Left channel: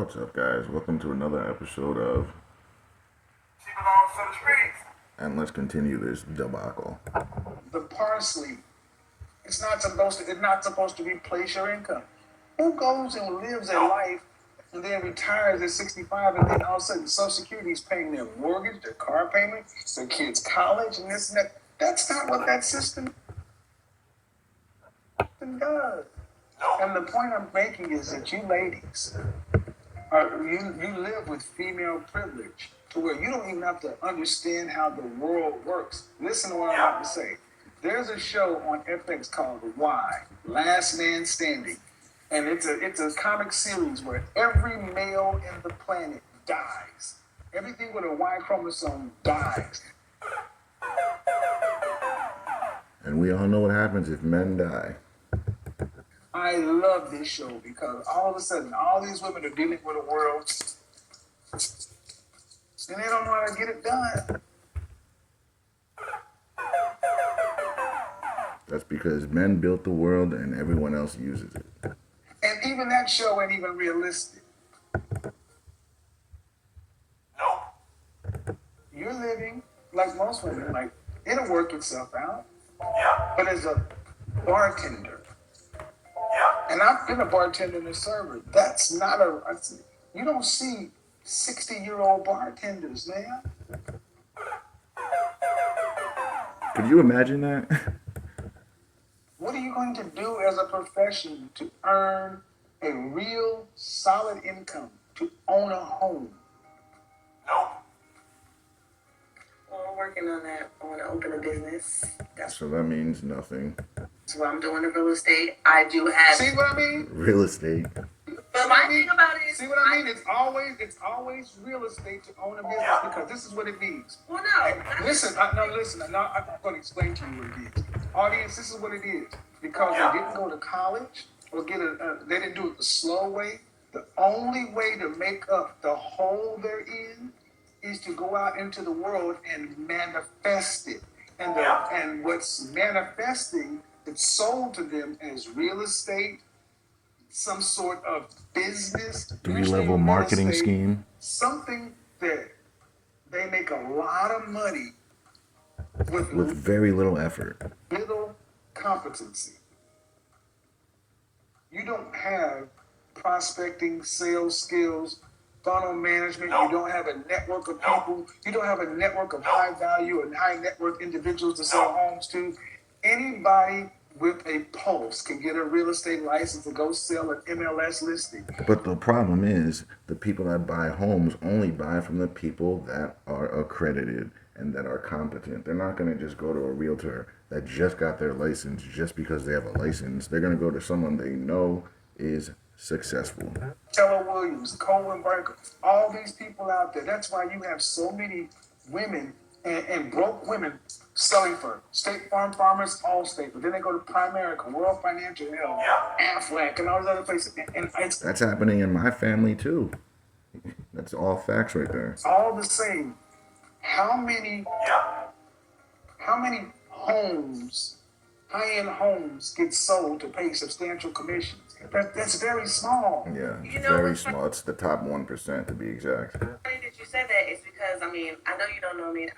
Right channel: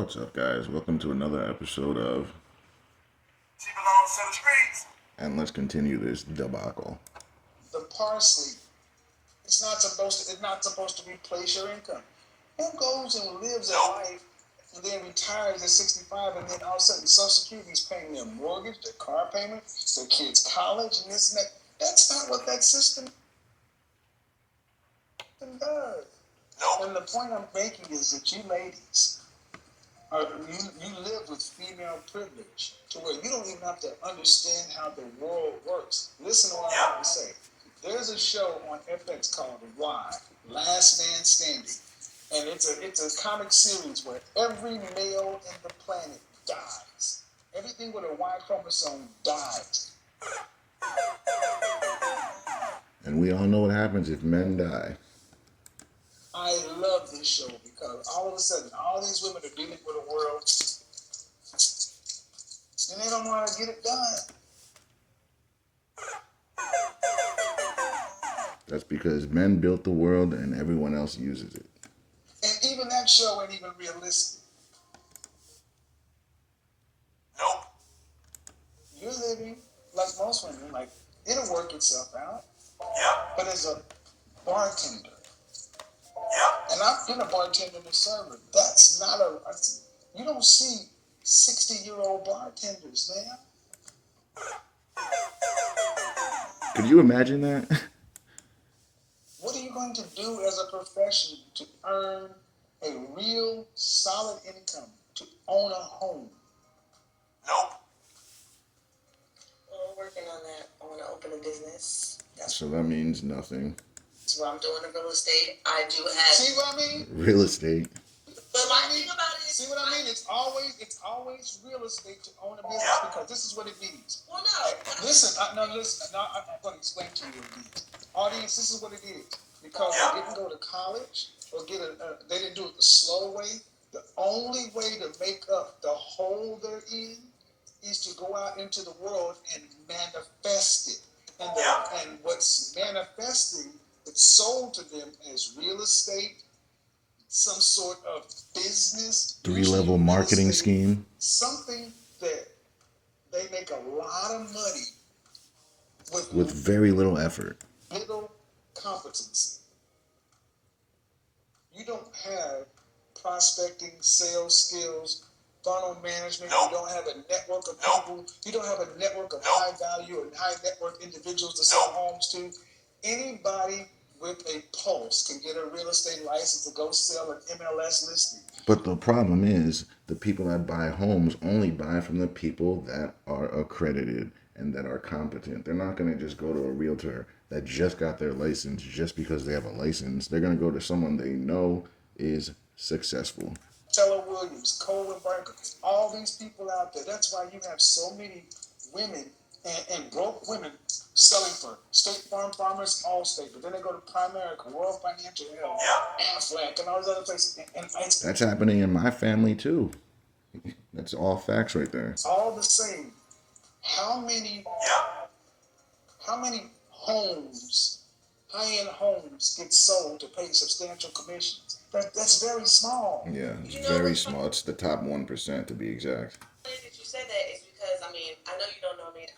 What's up, guys? Welcome to another episode of She belongs to the streets. And let's continue this debacle. The parsley, it's not supposed to replace your income. Who goes and lives a life and then retires at 65 and then all of a sudden Social Security is paying their mortgage, their car payment, their kids' college, and this and that? That's not what that system does. And the point I'm making is that you ladies, you live with female privilege to where you don't even have to understand how the world works. Listen to what I'm about to say. There's a show on FX called Why, Last Man Standing. And it's a comic series where every male in the planet dies. Everything with a Y chromosome dies. And we all know what happens if men die. I love this show because all of a sudden, all these women are dealing with a world and they don't know how to get it done. That's because men built the world and everyone else uses it. And even that show ain't even realistic. Nope. You're living like most women, like it'll work itself out. Yeah. But as a bartender, and I've been a bartender and a server. That's not you don't see 60-year-old bartenders, man. Could you imagine that? What are you going to do as a profession to earn a real solid income, to own a home? Nope. Well, I'm working on that. I want to open a business. So that means nothing. That's what I'm doing in real estate. I do have. See what I mean? Real estate. But my thing about it is. See what I mean? It's always real estate to own a business because this is what it means. Well, no. Listen. I'm going to explain to you what it is. Audience, this is what it is. Because they didn't go to college or they didn't do it the slow way. The only way to make up the hole they're in is to go out into the world and manifest it. And what's manifesting, it's sold to them as real estate, some sort of business. 3-level marketing scheme. Something that they make a lot of money with very little effort. Little competency. You don't have prospecting, sales skills, funnel management. You don't have a network of people. You don't have a network of high value and high net worth individuals to sell homes to. Anybody with a pulse can get a real estate license to go sell an MLS listing. But the problem is the people that buy homes only buy from the people that are accredited and that are competent. They're not going to just go to a realtor that just got their license just because they have a license. They're going to go to someone they know is successful. Keller Williams, Colin Barker, all these people out there. That's why you have so many women and broke women selling for State Farm, Farmers, Allstate. But then they go to Primerica, World Financial Health, Aflac, and all those other places. And that's happening in my family too. That's all facts right there. It's all the same. How many homes, high-end homes, get sold to pay substantial commissions? That's very small. Yeah, it's very small. It's the top 1% to be exact. Funny that you said that is because, I know you don't know me.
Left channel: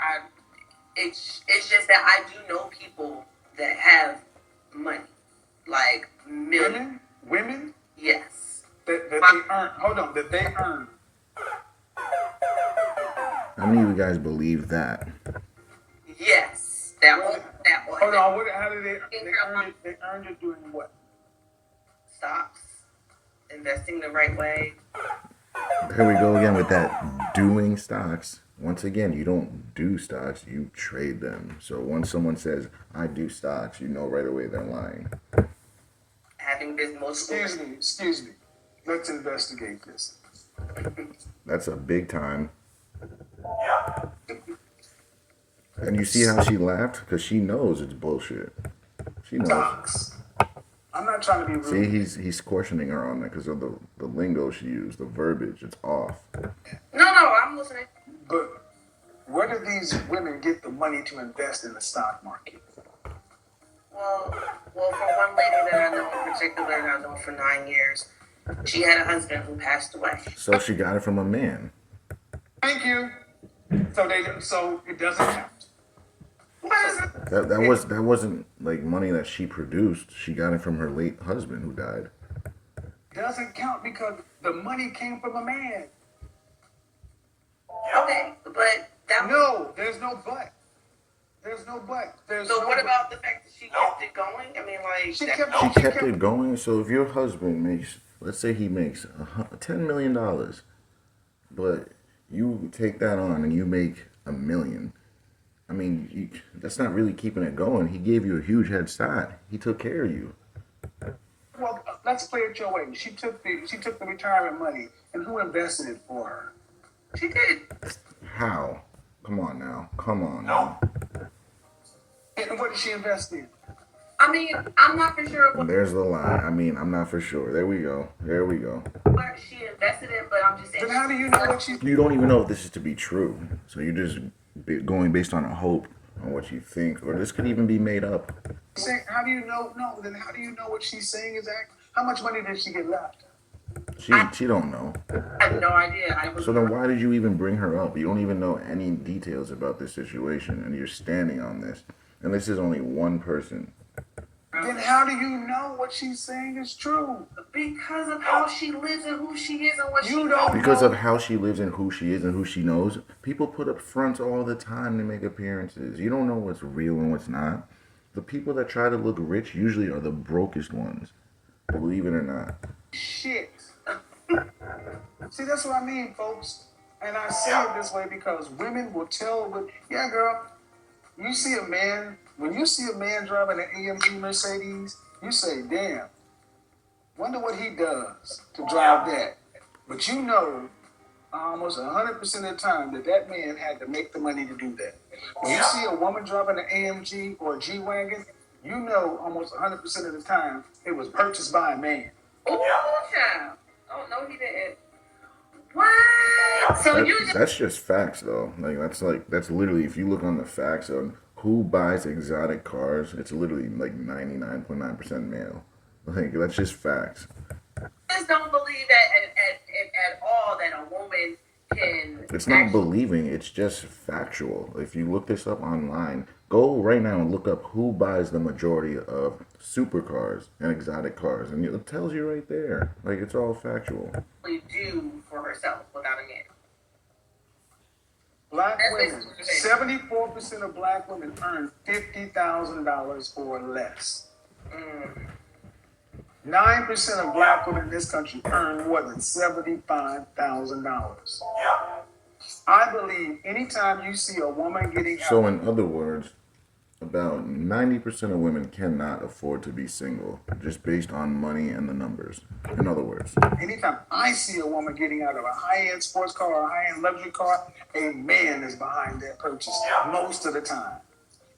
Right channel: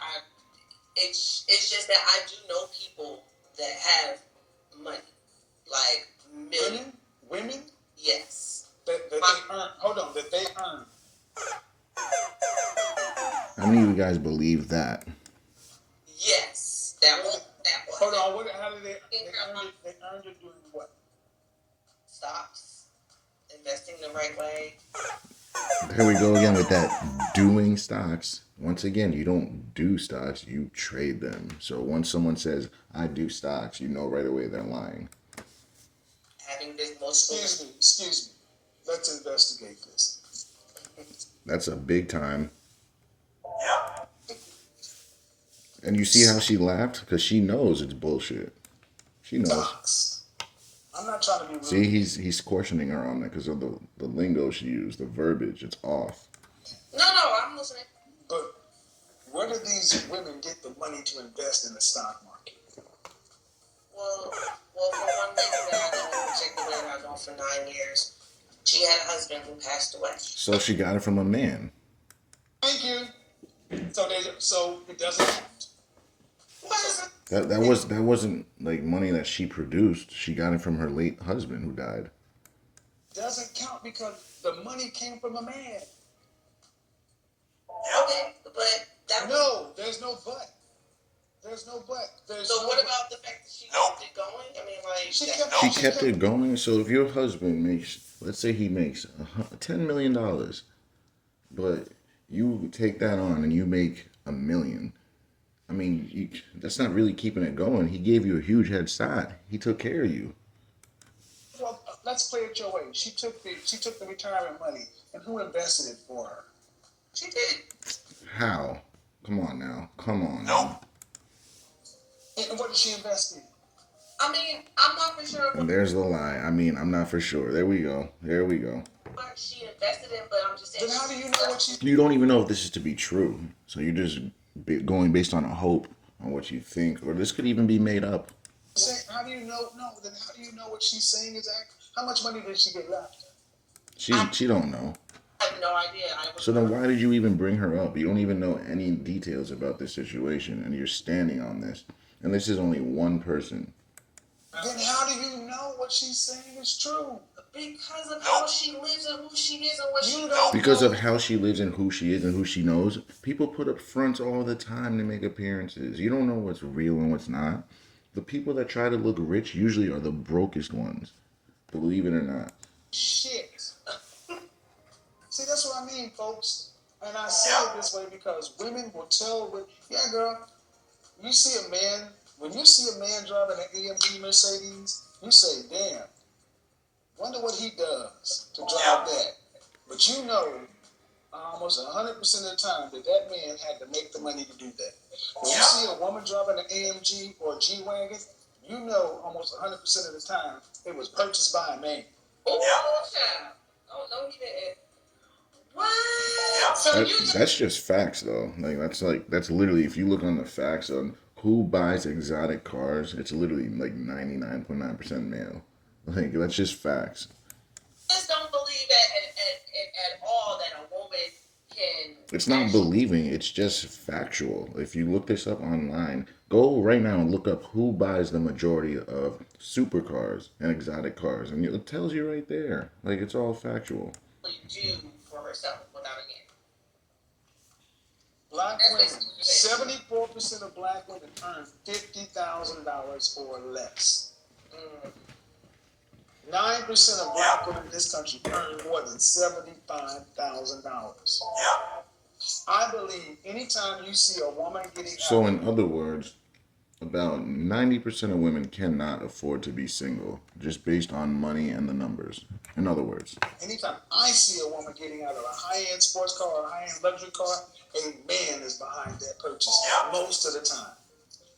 It's just that I do know people that have money, like millions. Women? Yes. That they earn. Hold on, that they earn. How many of you guys believe that? Yes. That one. Hold on, how did they earn it? They earned it doing what? Stocks. Investing the right way. Here we go again with that doing stocks. Once again, you don't do stocks, you trade them. So once someone says, I do stocks, you know right away they're lying. Having been multiple. Excuse me. Let's investigate this. That's a big time. Yeah. And you see how she laughed? Because she knows it's bullshit. She knows. Stocks. I'm not trying to be rude. See, he's questioning her on that because of the lingo she used, the verbiage. It's off. No, I'm listening. But where do these women get the money to invest in the stock market? Well, from one lady that I know in particular, that I've known for 9 years, She had a husband who passed away. So she got it from a man. Thank you. So it doesn't count. What is it? That wasn't like money that she produced. She got it from her late husband who died. Doesn't count because the money came from a man. Okay, but that No, there's no but. There's no but. So what about the fact that she kept it going? I mean, like She She kept it going. So if your husband makes, let's say he makes $10 million, but you take that on and you make $1 million. I mean, that's not really keeping it going. He gave you a huge head start. He took care of you. Well, let's play it your way. She took the retirement money, and who invested it for her? she did. How? Come on now. Come on now. And what did she invest in? I mean, I'm not for sure And there's the lie. I mean, I'm not for sure. There we go. There we go. what she invested in, but I'm just saying. Then how do you know what she? You don't even know if this is to be true. So you're just going based on a hope on what you think, or this could even be made up. How do you know? No. Then how do you know what she's saying is act? How much money did she get left? She don't know. I have no idea. So then why did you even bring her up? You don't even know any details about this situation, and you're standing on this. And this is only one person. Then how do you know what she's saying is true? Because of how she lives and who she is and what You she don't Because know. of how she lives and who she is and who she knows, people put up fronts all the time to make appearances. You don't know what's real and what's not. The people that try to look rich usually are the brokest ones. Believe it or not. Shit. See, that's what I mean, folks. And I say it this way because women will tell, yeah, girl, you see a man, when you see a man driving an AMG Mercedes, you say, damn, wonder what he does to drive that. But you know, almost 100% of the time that man had to make the money to do that. When you see a woman driving an AMG or a G-Wagon, you know almost 100% of the time it was purchased by a man. Oh, child. Oh, no, he didn't. What? So That's just facts though. That's literally, if you look on the facts on who buys exotic cars, it's literally like 99.9% male. Like that's just facts. just don't believe at all that a woman can. It's not believing, it's just factual. If you look this up online, go right now and look up who buys the majority of supercars and exotic cars, and it tells you right there. Like it's all factual. Do for herself without a man. Black women, 74% of black women earn $50,000 or less. 9% of black women in this country earn more than $75,000. I believe anytime you see a woman getting So in other words, about 90% of women cannot afford to be single, just based on money and the numbers. In other words, anytime I see a woman getting out of a high-end sports car or a high-end luxury car, a man is behind that purchase most of the time.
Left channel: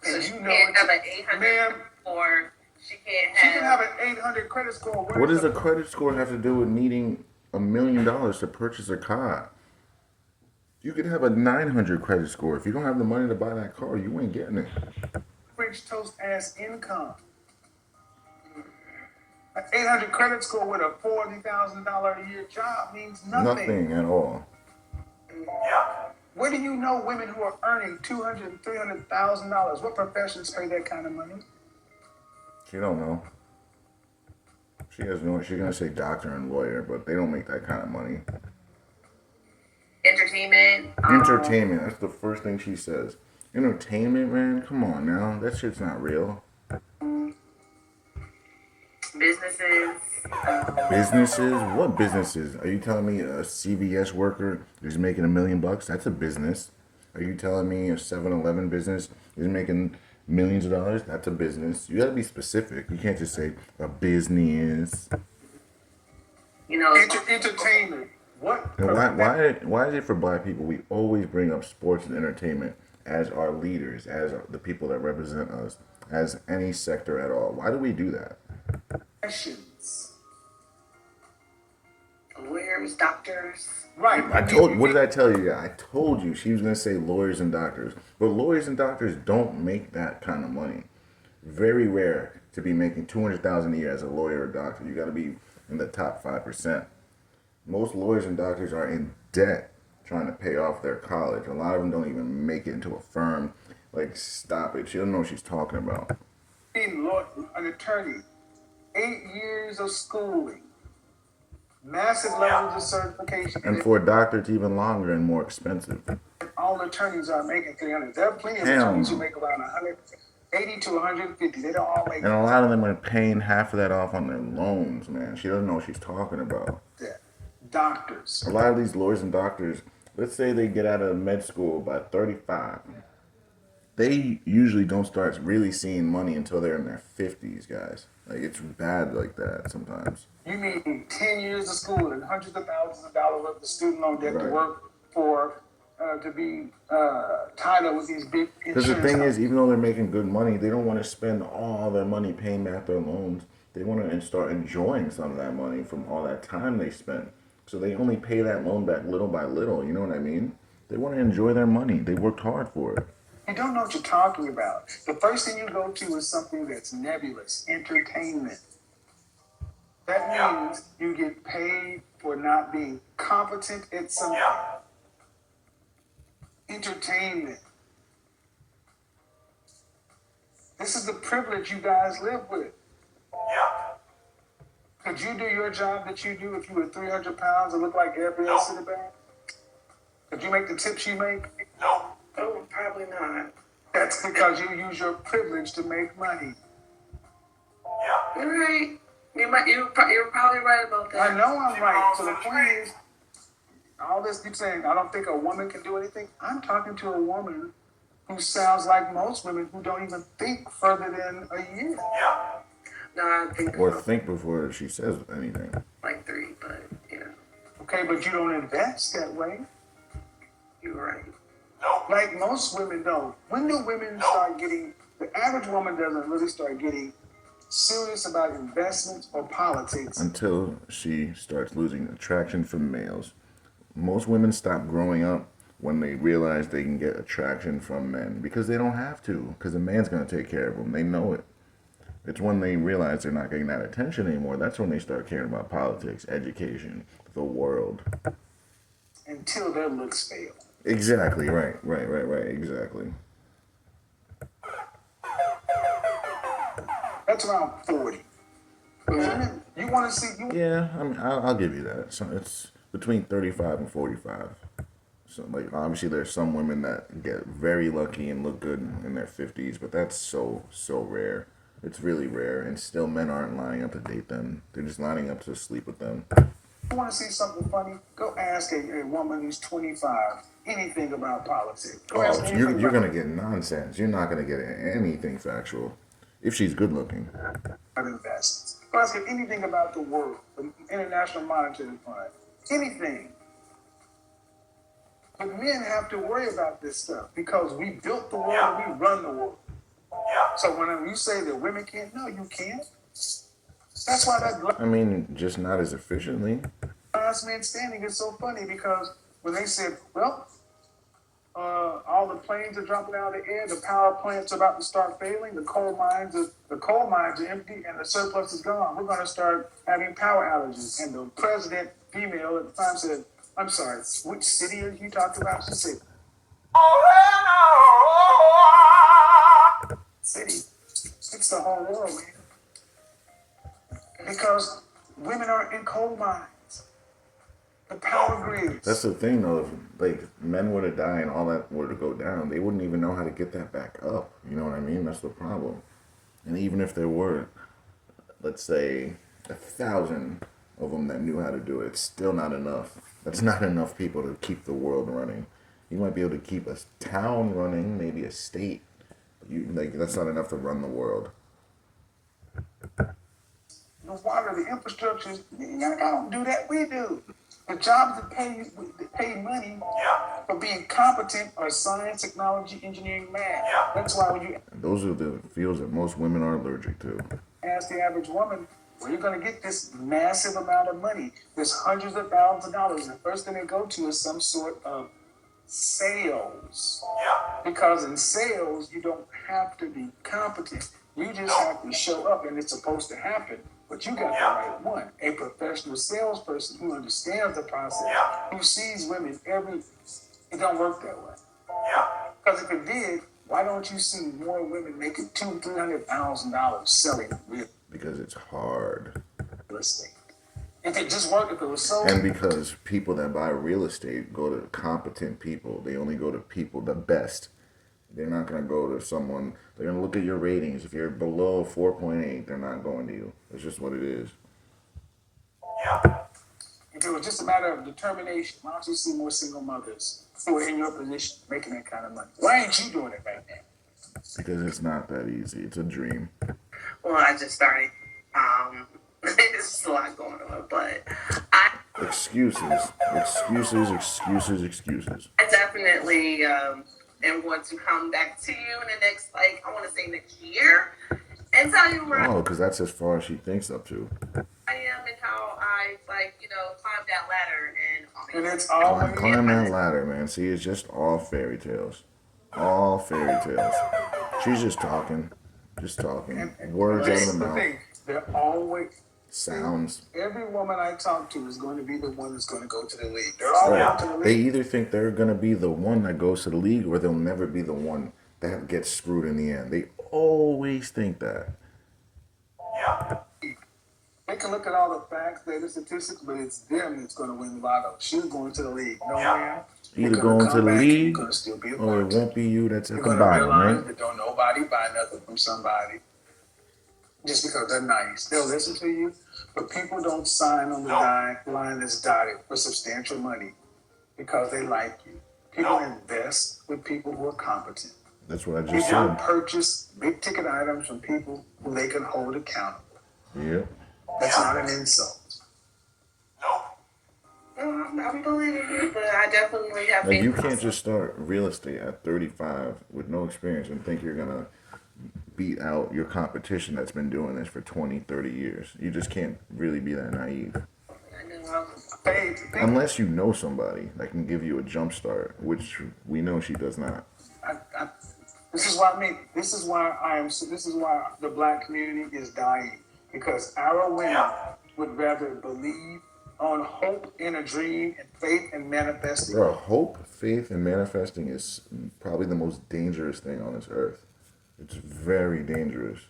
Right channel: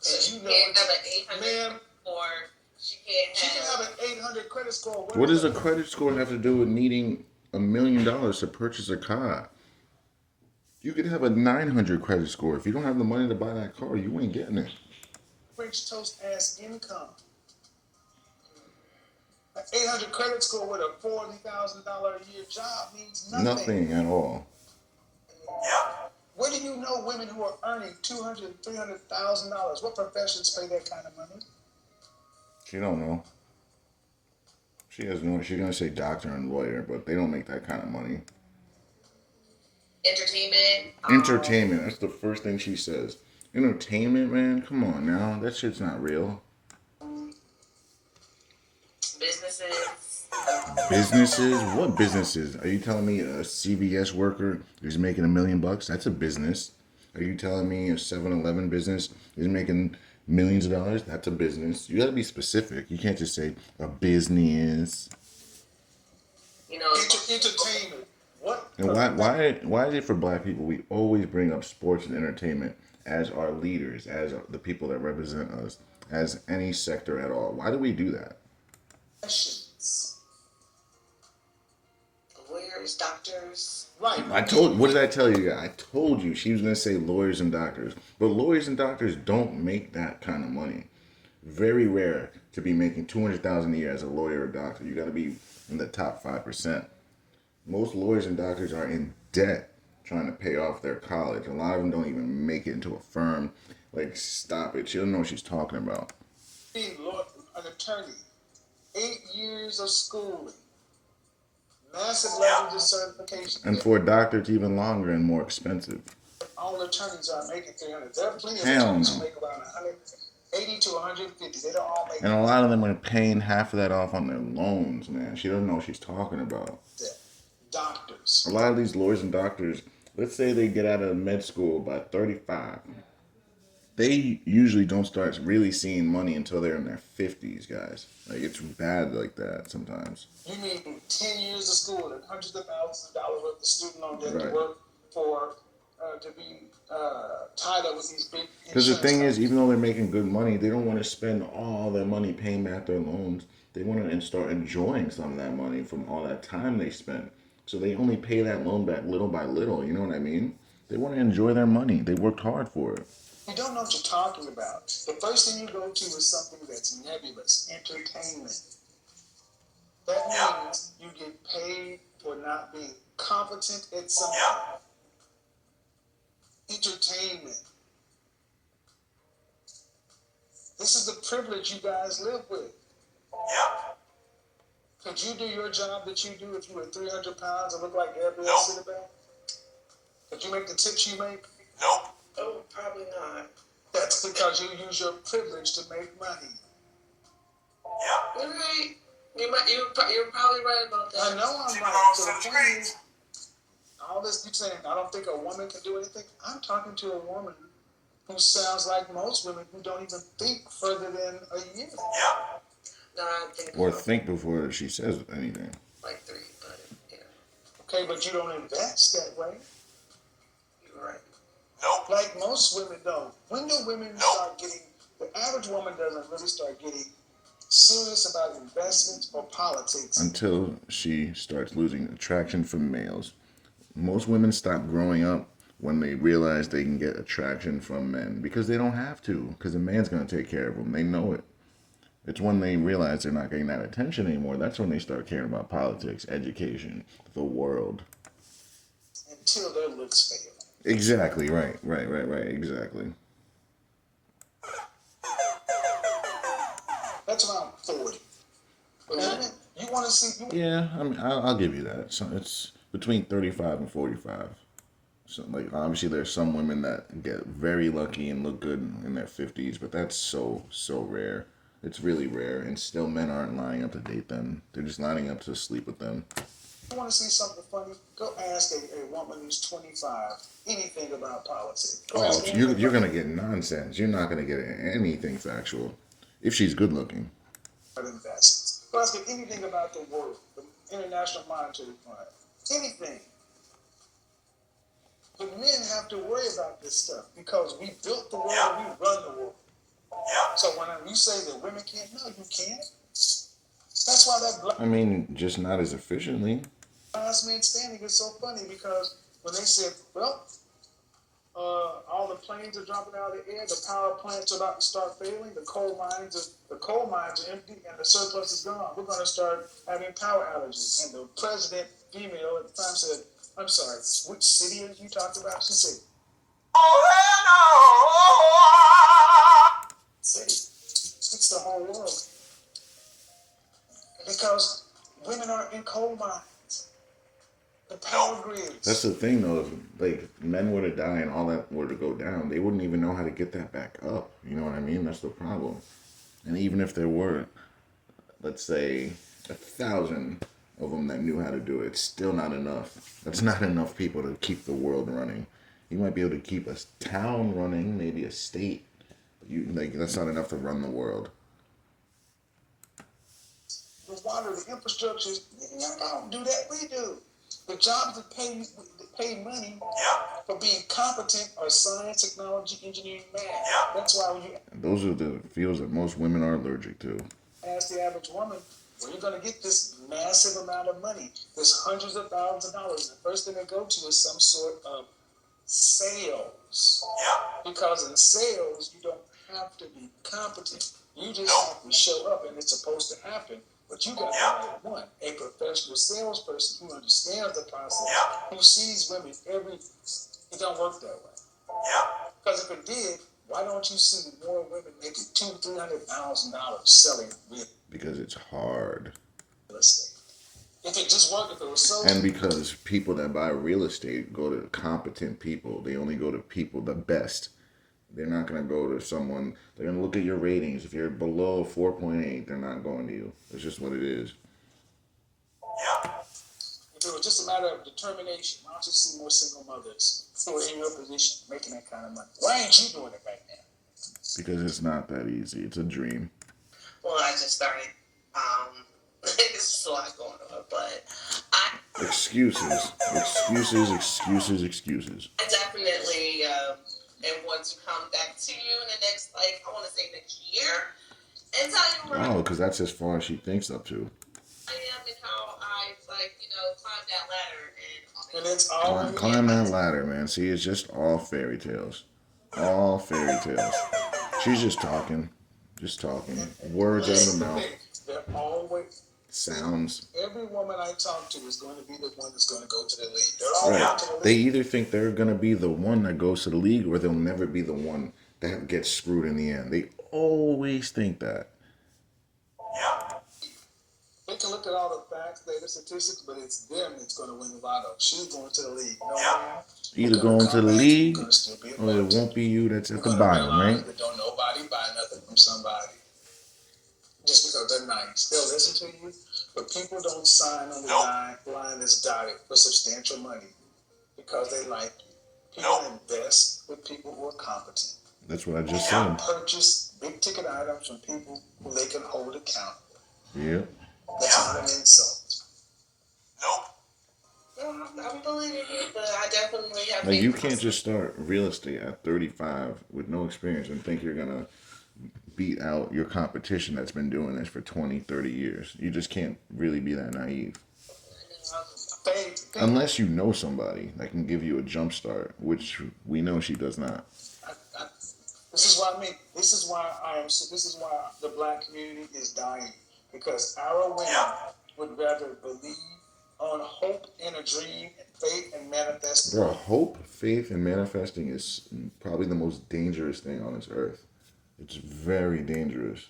So And she you know can't have an it, 800 ma'am. or she can't She have. can have an 800 credit score. what does a credit score have to do with needing $1 million to purchase a car? You could have a 900 credit score. If you don't have the money to buy that car, you ain't getting it. French toast ass income? An 800 credit score with a $40,000 a year job means nothing. Nothing at all. Where do you know women who are earning $200,000 and $300,000? What professions pay that kind of money? She don't know. She has no. She's gonna say doctor and lawyer, but they don't make that kind of money. Entertainment. Entertainment. That's the first thing she says. Entertainment, man. Come on now. That shit's not real. Businesses. Businesses? What businesses? Are you telling me a CVS worker is making $1 million? That's a business. Are you telling me a 7-Eleven business is making millions of dollars? That's a business. You gotta be specific. You can't just say a business. You know. Entertainment. What? And why is it for black people we always bring up sports and entertainment as our leaders, as the people that represent us, as any sector at all? Why do we do that? Professions. Lawyers, doctors. Right. What did I tell you? I told you she was going to say lawyers and doctors. But lawyers and doctors don't make that kind of money. Very rare to be making $200,000 a year as a lawyer or doctor. You got to be in the top 5%. Most lawyers and doctors are in debt trying to pay off their college. A lot of them don't even make it into a firm. Like, stop it. She don't know what she's talking about. Being an attorney, 8 years of schooling, massive levels of certification. And for a doctor, it's even longer and more expensive. All attorneys are making 300. There are plenty of Hell attorneys no. who make around 180 to 150. They don't all make And a lot of them are paying half of that off on their loans, man. She doesn't know what she's talking about. that. Doctors. A lot of these lawyers and doctors, let's say they get out of med school by 35. They usually don't start really seeing money until they're in their 50s, guys. Like, it's bad like that sometimes. You mean 10 years of school and hundreds of thousands of dollars worth of student loan debt to Right. work for, to be tied up with these big Because insurance the thing is, companies. even though they're making good money, they don't want to spend all their money paying back their loans. They want to start enjoying some of that money from all that time they spent. So they only pay that loan back little by little. You know what I mean? They want to enjoy their money. They worked hard for it. You don't know what you're talking about. The first thing you go to is something that's nebulous, entertainment. That means you get paid for not being competent at something. Entertainment. This is the privilege you guys live with. Could you do your job that you do if you were 300 pounds and look like everybody else in the bank? Could you make the tips you make? Oh, probably not. That's because you use your privilege to make money. You're right. You're probably right about that. I know I'm right. So the point is, all this you're saying, I don't think a woman can do anything. I'm talking to a woman who sounds like most women who don't even think further than a year. No, I think Or think before she says anything. like 3, but yeah, Okay, but you don't invest that way. you're right. Like most women don't. When do women start getting, the average woman doesn't really start getting serious about investments or politics. Until she starts losing attraction from males. Most women stop growing up when they realize they can get attraction from men because they don't have to, because a man's going to take care of them. They know it. It's when they realize they're not getting that attention anymore. That's when they start caring about politics, education, the world. Until their looks fail. Exactly, right, exactly. That's around 40. Women, you want to see, Yeah, I mean, I'll give you that. So it's between 35 and 45. So, like, obviously, there's some women that get very lucky and look good in their 50s, but that's so rare. It's really rare, and still men aren't lining up to date them. They're just lining up to sleep with them. you want to see something funny? Go ask a woman who's 25 anything about politics. Go ask Oh, her you're anything going to get nonsense. You're not going to get anything factual. If she's good looking. about investments. Go ask her anything about the world, the International Monetary Fund, anything. But men have to worry about this stuff because we built the world and we run the world. So when you say that women can't, no, you can't. That's why that I mean, just not as efficiently. last man standing is so funny because when they said, well, all the planes are dropping out of the air, the power plants are about to start failing, the coal mines are empty, and the surplus is gone. We're going to start having power outages. And the president, female at the time, said, "I'm sorry, which city are you talking about?" She said, "City." It's the whole world, man. Because women are in coal mines, the power grids. That's the thing, though. If, like, men were to die and all that were to go down, they wouldn't even know how to get that back up. You know what I mean? That's the problem. And even if there were, let's say, 1,000 of them that knew how to do it, it's still not enough. That's not enough people to keep the world running. You might be able to keep a town running, maybe a state. But that's not enough to run the world. The water, the infrastructure, y'all don't do that. We do. The jobs that pay money for being competent are science, technology, engineering, math. That's why when you Those are the fields that most women are allergic to. ask the average woman, where are you going to get this massive amount of money, this hundreds of thousands of dollars? And the first thing they go to is some sort of sales. Because in sales, you don't have to be competent. You just have to show up, and it's supposed to happen But you got the right one, a professional salesperson who understands the process, who sees women every. It don't work that way. Because if it did, why don't you see more women making $200,000-$300,000 selling real Because it's hard. estate? If it just worked, if it was so. And because people that buy real estate go to competent people, they only go to people the best. They're not going to go to someone, they're going to look at your ratings. If you're below 4.8, they're not going to you. That's just what it is. If it was just a matter of determination, why don't you see more single mothers who are in your position making that kind of money? Why ain't you doing it right now? Because it's not that easy. It's a dream. Well, I just started. There's a lot going on, but I Excuses. I definitely am going to come back to you in the next, like, I want to say next year, and tell you where Oh, because that's as far as she thinks up to. I am and how I, like, climb that ladder. And it's always. Climb that ladder, man. See, it's just all fairy tales. All fairy tales. She's just talking. Just talking. Words out of the mouth. They're always. Sounds. Every woman I talk to is going to be the one that's going to go to the league. They're all going to the league. They either think they're going to be the one that goes to the league or they'll never be the one that gets screwed in the end. They always think that. They can look at all the facts, data, statistics, but it's them that's going to win the lotto. She's going to the league. No man. Either going to the league or it won't be you that's at the bottom, right? That don't nobody buy nothing from somebody just because they're nice. They'll listen to you, but people don't sign on the line that's dotted for substantial money because they like you. People invest with people who are competent. That's what I just People said. purchase big ticket items from people who they can hold accountable. Yeah. That's not an insult. I'm believing you, but I definitely have. Like, you can't just start real estate at 35 with no experience and think you're going to beat out your competition that's been doing this for 20, 30 years. You just can't really be that naive. Unless you know somebody that can give you a jump start, which we know she does not. This is what I mean. This is why the black community is dying. Because our women would rather believe on hope and a dream and faith and manifesting. Bro, hope, faith, and manifesting is probably the most dangerous thing on this earth. It's very dangerous.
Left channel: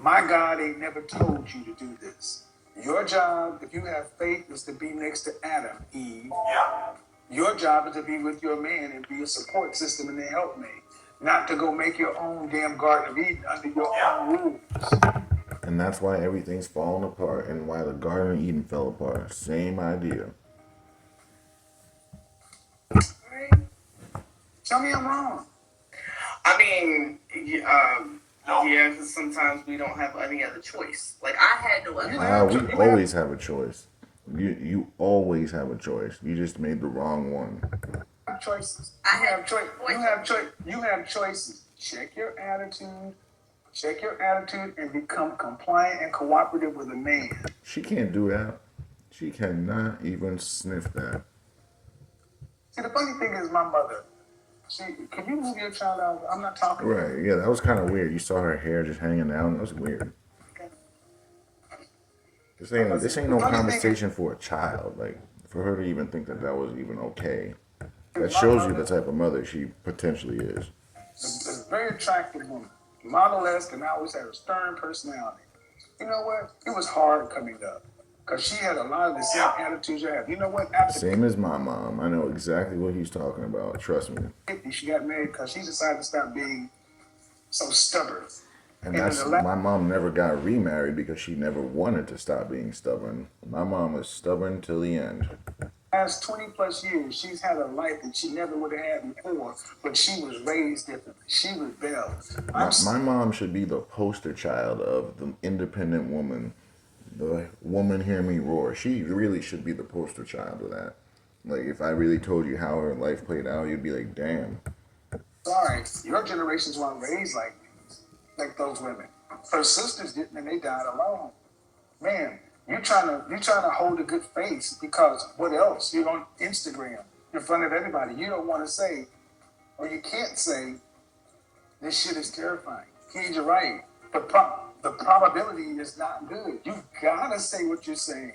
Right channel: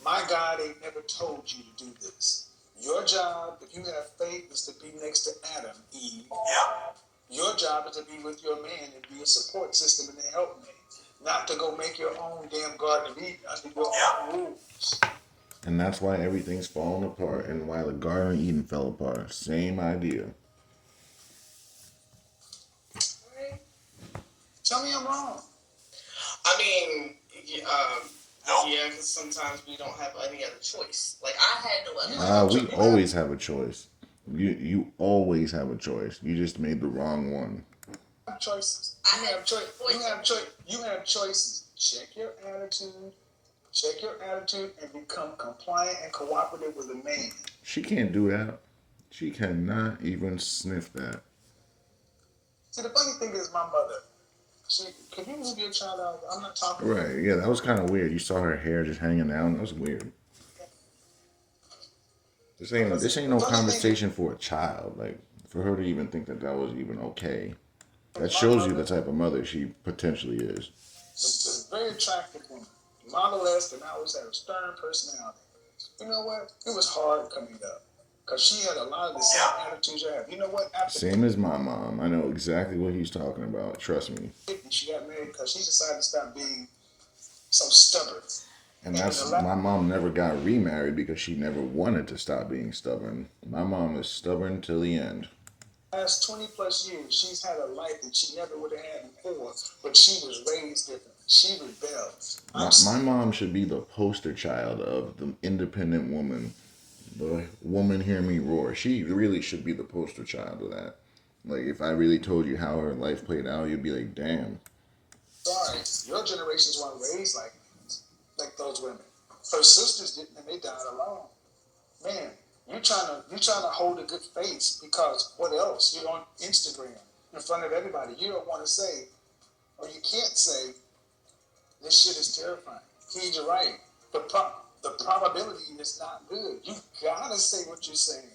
My God ain't never told you to do this. Your job, if you have faith, is to be next to Adam, Eve. Your job is to be with your man and be a support system and a helpmate. Not to go make your own damn Garden of Eden under your own rules. And that's why everything's falling apart and why the Garden of Eden fell apart. Same idea. Tell me I'm wrong. I mean, yeah, because sometimes we don't have any other choice. Like, I had no other choice. We always have a choice. You always have a choice. You just made the wrong one. Choices. You have choices. Check your attitude. Check your attitude and become compliant and cooperative with a man. She can't do that. She cannot even sniff that. See, the funny thing is, my mother. Can you move your child out? I'm not talking. Right. Yeah, that was kind of weird. You saw her hair just hanging down. That was weird. Okay. This ain't no conversation for a child. Like, for her to even think that was even okay. That shows you the type of mother she potentially is. A very attractive woman. Model-esque and always had a stern personality. You know what? It was hard coming up. Because she had a lot of the same attitudes I have. You know what? Same as my mom. I know exactly what he's talking about. Trust me. She got married because she decided to stop being so stubborn. And my mom never got remarried because she never wanted to stop being stubborn. My mom was stubborn till the end. Last 20 plus years, she's had a life that she never would have had before, but she was raised differently. She rebelled. My mom should be the poster child of the independent woman. The woman hear me roar. She really should be the poster child of that. Like, if I really told you how her life played out, you'd be like, damn. Sorry, your generations weren't raised like those women. Her sisters didn't, and they died alone. Man, you're trying to hold a good face because what else? You're on Instagram in front of everybody. You don't want to say, or you can't say, this shit is terrifying. He's right. the probability is not good. You gotta say what you're saying.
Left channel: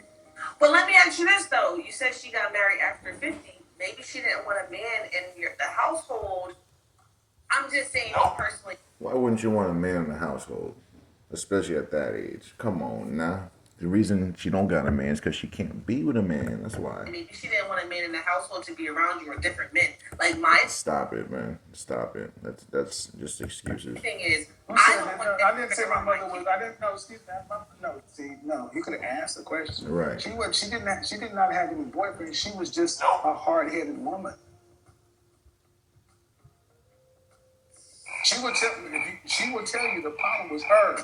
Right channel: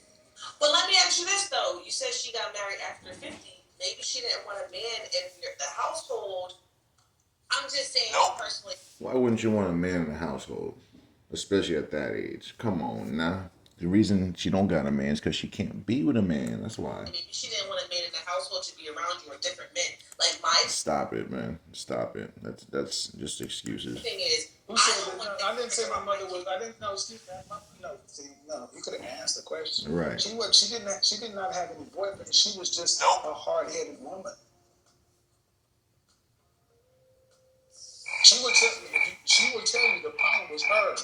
Well, let me ask you this though. You said she got married after 50. Maybe she didn't want a man in the household. I'm just saying, personally. Why wouldn't you want a man in the household, especially at that age? Come on, now. The reason she don't got a man is because she can't be with a man. That's why. Maybe she didn't want a man in the household to be around you or different men. Like my Stop it, man. Stop it. That's just excuses. thing is, I didn't say my mother was. I didn't know. Excuse me. No, see, no. You could have asked the question. Right. She was. She did not have any boyfriend. She was just a hard-headed woman. She would tell you the problem was her.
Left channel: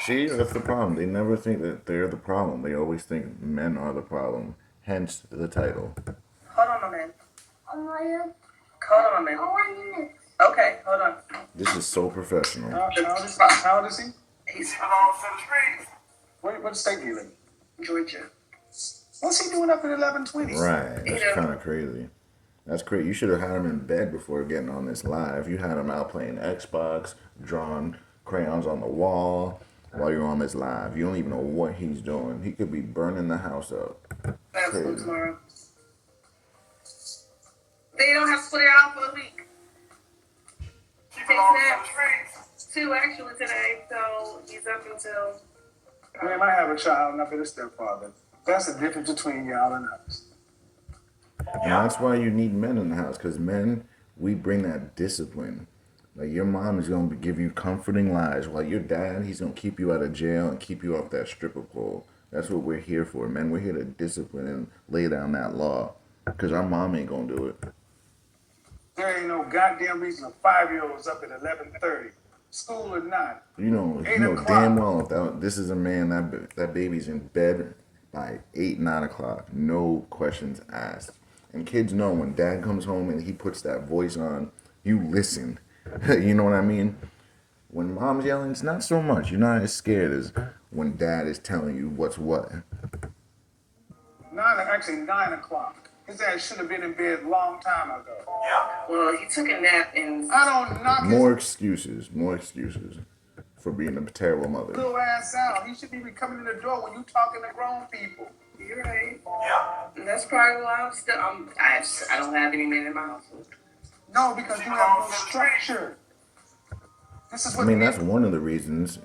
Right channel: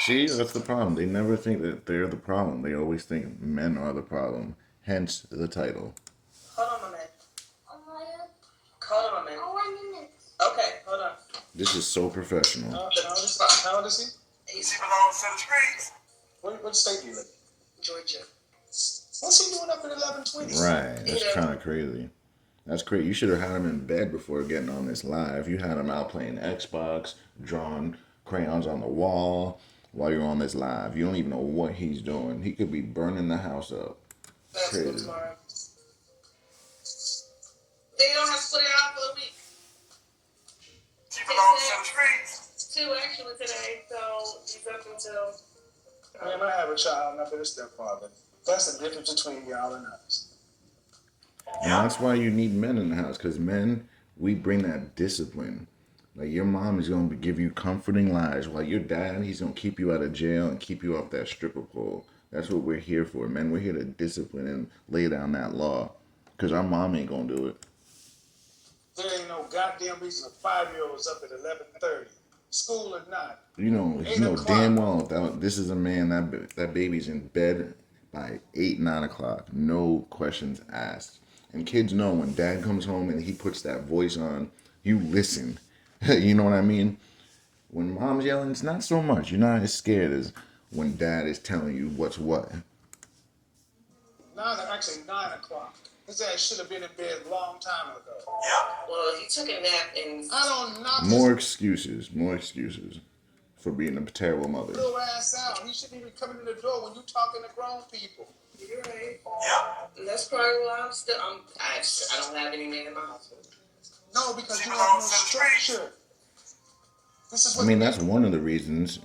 See, that's the problem. They never think that they're the problem. They always think men are the problem. Hence the title. Hold on a minute. Hold on a minute. Okay, hold on. This is so professional. How old is he? He's from all the streets. What state do you live in? Georgia. What's he doing up at 11:20? Right. That's kind of crazy. That's crazy. You should have had him in bed before getting on this live. You had him out playing Xbox, drawing crayons on the wall while you're on this live. You don't even know what he's doing. He could be burning the house up. Basketball tomorrow. They don't have to put it out for a week. She takes naps. 2 actually today, so he's up until. Man, I have a child and I've been a stepfather. That's the difference between y'all and us. And that's why you need men in the house, because men, we bring that discipline. Like, your mom is going to give you comforting lies, while your dad, he's going to keep you out of jail and keep you off that stripper pole. That's what we're here for, men. We're here to discipline and lay down that law, because our mom ain't going to do it. There ain't no goddamn reason a 5-year-old's up at 11:30, school or not. You know damn well that this is a man, that baby's in bed by 8, 9 o'clock. No questions asked. And kids know when dad comes home and he puts that voice on, you listen. You know what I mean? When mom's yelling, it's not so much. You're not as scared as when dad is telling you what's what. 9 o'clock. His ass should have been in bed a long time ago. Well, he took a nap and. I don't knock More excuses for being a terrible mother. Little ass out. He should be coming in the door when you talking to grown people. You're right. And that's probably why I'm still. I don't have any men in my household. No, because you have no structure. This is what that's one of the reasons.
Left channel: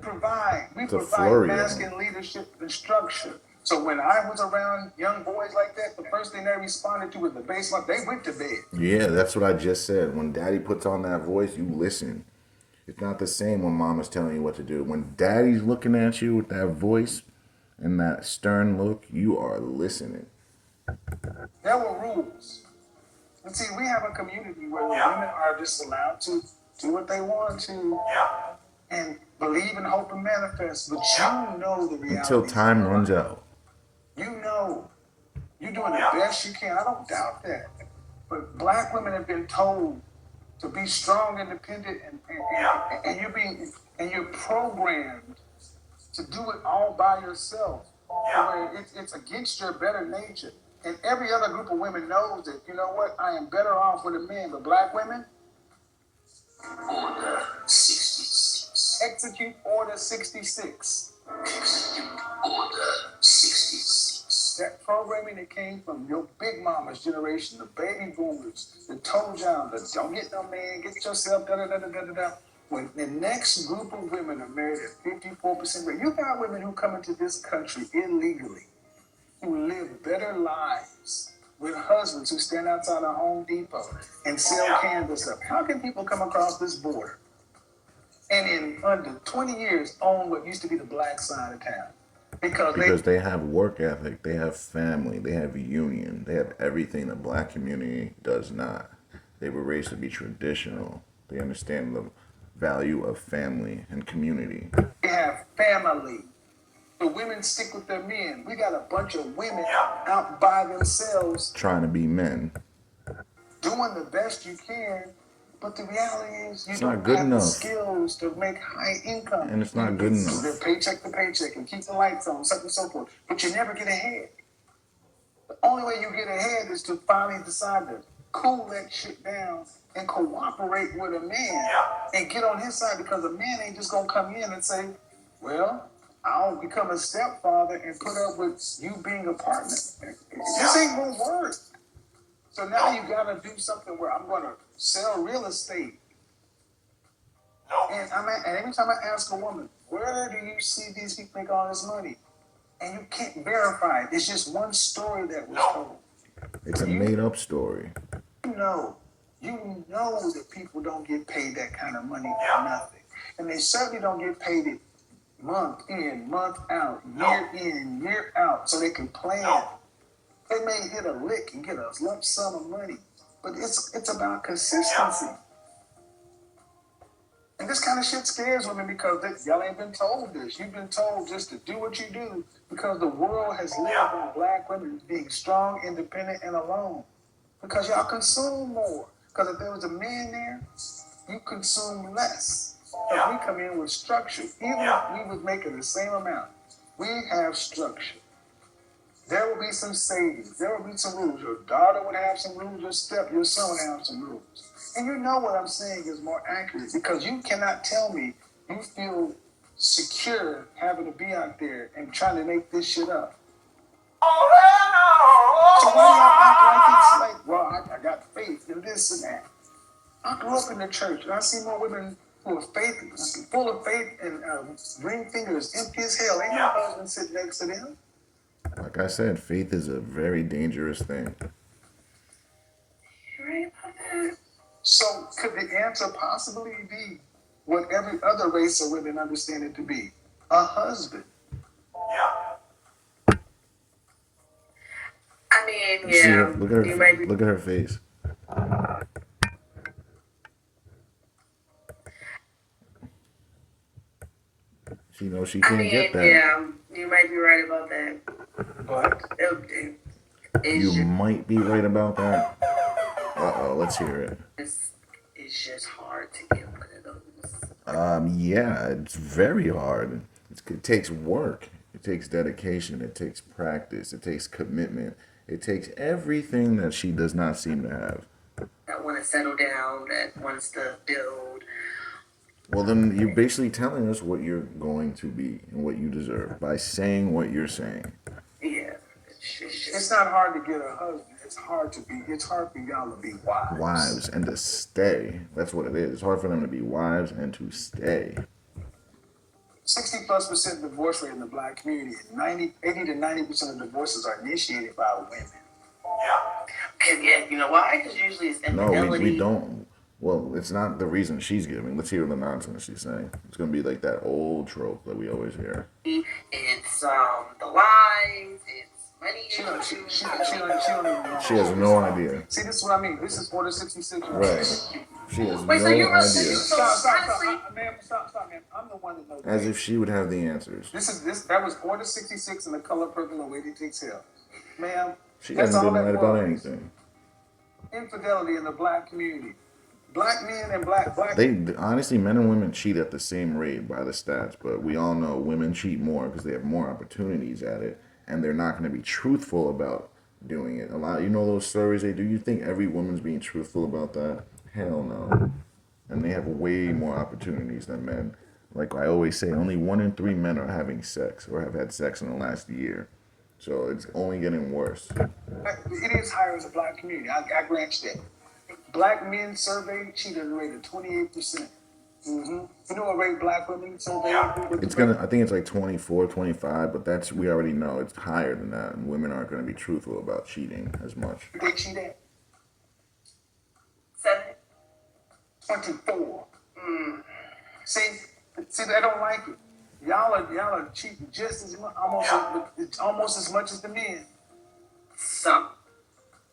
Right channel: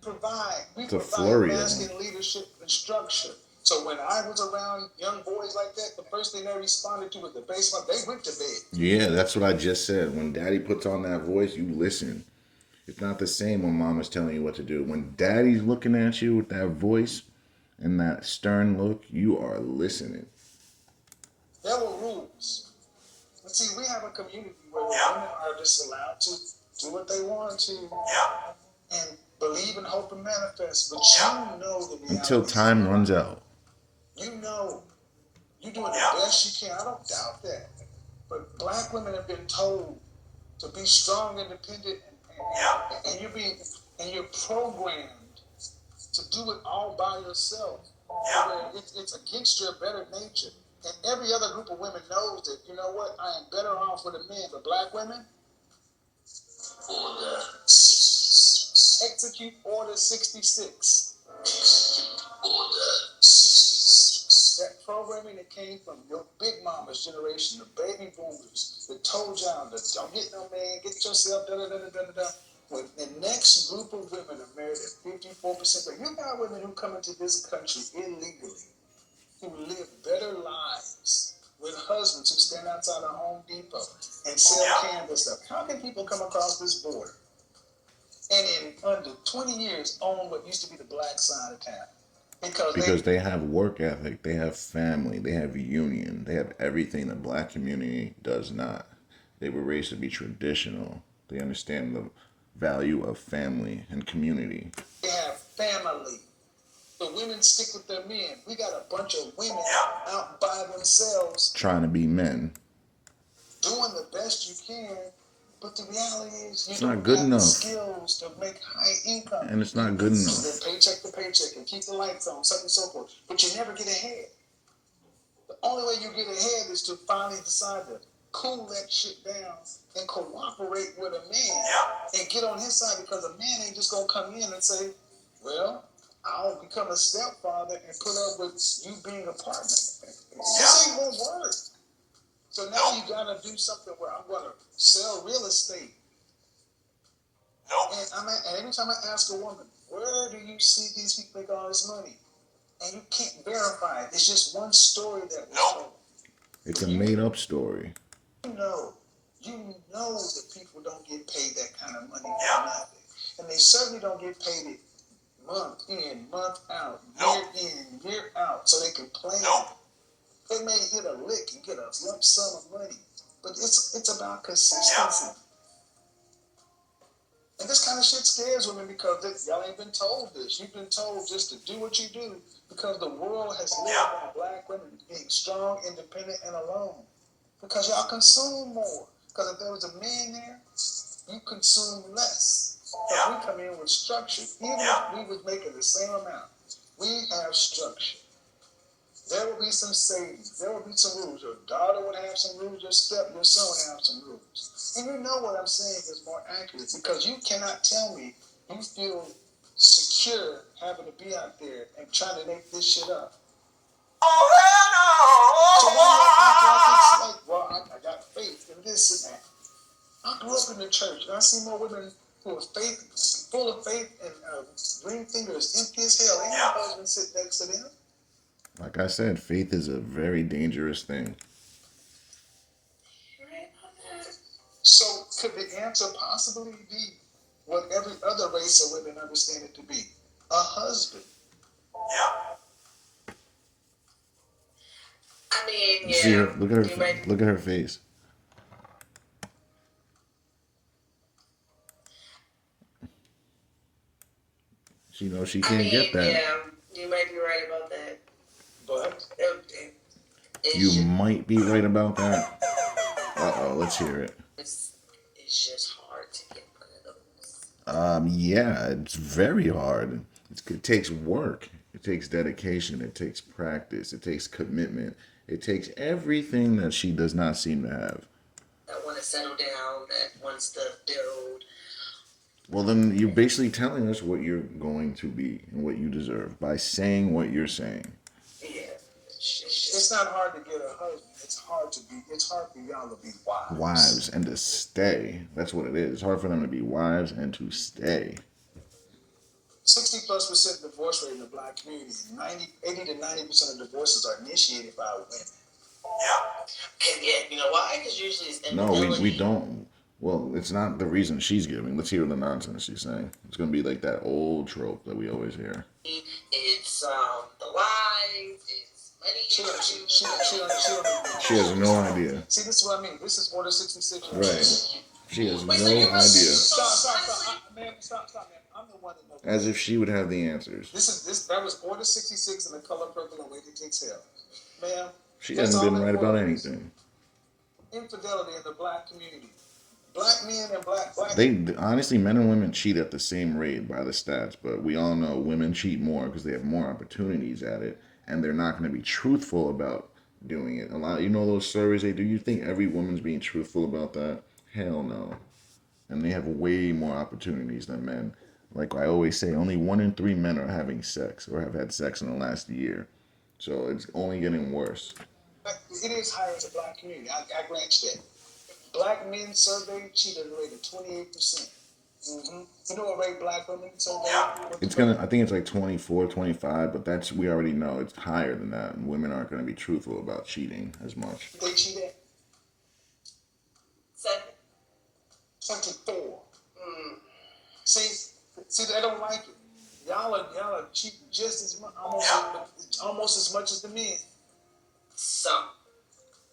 Provide. We To provide flurry masculine leadership and structure. So when I was around young boys like that, the first thing they responded to was the basement. They went to bed. Yeah, that's what I just said. When daddy puts on that voice, you listen. It's not the same when mama's telling you what to do. When daddy's looking at you with that voice and that stern look, you are listening. There were rules. And see, we have a community where women are just allowed to do what they want to and believe and hope and manifest. But you know the reality. Until time runs out. You know. You're doing the best you can. I don't doubt that. But black women have been told to be strong, independent, and you're programmed to do it all by yourself. Where it's against your better nature. And every other group of women knows that, you know what, I am better off with a man. But black women, Order 66. Execute Order 66. Execute Order 66. That programming that came from your big mama's generation, the baby boomers, that told y'all that don't get no man, get yourself, da-da-da-da-da-da. When the next group of women are married at 54% rate, you got women who come into this country illegally, who live better lives with husbands who stand outside of Home Depot and sell cannabis up. How can people come across this border and in under 20 years own what used to be the black side of town? Because they have work ethic, they have family, they have union, they have everything the black community does not. They were raised to be traditional. They understand the value of family and community. They have family. The women stick with their men. We got a bunch of women out by themselves trying to be men. Doing the best you can, but the reality is you don't have the skills to make high income. And it's not good enough. They're paycheck to paycheck and keep the lights on, something and so forth. But you never get ahead. The only way you get ahead is to finally decide to cool that shit down and cooperate with a man and get on his side, because a man ain't just gonna come in and say, well, I'll become a stepfather and put up with you being a partner. This ain't gonna work. So now you gotta do something where I'm gonna sell real estate. And every time I ask a woman, where do you see these people make all this money? And you can't verify it. It's just one story that was told. It's a made-up story. You know that people don't get paid that kind of money for nothing. And they certainly don't get paid it month in, month out, year in, year out, so they can plan. They may hit a lick and get a lump sum of money, but it's about consistency. And this kind of shit scares women, because y'all ain't been told this. You've been told just to do what you do, because the world has lived on black women being strong, independent, and alone. Because y'all consume more. Because if there was a man there, you consume less. Because we come in with structure. Even if we was making the same amount, we have structure. There will be some savings. There will be some rules. Your daughter would have some rules. Your son would have some rules. And you know what I'm saying is more accurate, because you cannot tell me you feel secure having to be out there and trying to make this shit up. So why do y'all act like it's like, well, I got faith in this and that? I grew up in the church, and I see more women full of faith and ring fingers, empty as hell. Ain't no husband sitting next to them. Like I said, faith is a very dangerous thing. You're right about that. So could the answer possibly be what every other race of women understand it to be? A husband. I mean, See her, look at her face. She knows she can't get that. Yeah, you might be right about that. But you might be right about that. Let's hear it. It's just hard to get one of those. Yeah, it's very hard. It takes work. It takes dedication. It takes practice. It takes commitment. It takes everything that she does not seem to have. That want to settle down, that wants to build. Well, then you're basically telling us what you're going to be and what you deserve by saying what you're saying. Yeah. It's not hard to get a husband. It's hard for y'all to be wives. Wives and to stay. That's what it is. It's hard for them to be wives and to stay. 60+% divorce rate in the black community, and 80 to 90% of divorces are initiated by women. Yeah, you know why? Because usually it's infidelity. No, we don't. Well, it's not the reason she's giving. Let's hear the nonsense she's saying. It's going to be like that old trope that we always hear. It's the lies, it's money issues. She has no idea. See, this is what I mean. This is Order 66. Right. She has Wait, no so you're idea. Stop, man. Stop, man. I'm the one that knows. As if she would have the answers. That was Order 66 in the color purple and Lady Takes Hell. Ma'am, she hasn't been right about anything. Infidelity in the black community. Black men and black. They honestly, men and women cheat at the same rate by the stats, but we all know women cheat more because they have more opportunities at it, and they're not going to be truthful about doing it. Those surveys they do. You think every woman's being truthful about that? Hell no. And they have way more opportunities than men. Like I always say, only 1 in 3 men are having sex or have had sex in the last year. So it's only getting worse. It is higher in the black community. I grant you that. Black men surveyed cheated rate of 28%. Mm-hmm. You know what rate black women surveyed? I think it's like 24, 25, but we already know it's higher than that. And women aren't going to be truthful about cheating as much. They cheat at 7. 24. See, they don't like it. Y'all are cheating just as much, almost as much as the men. Some.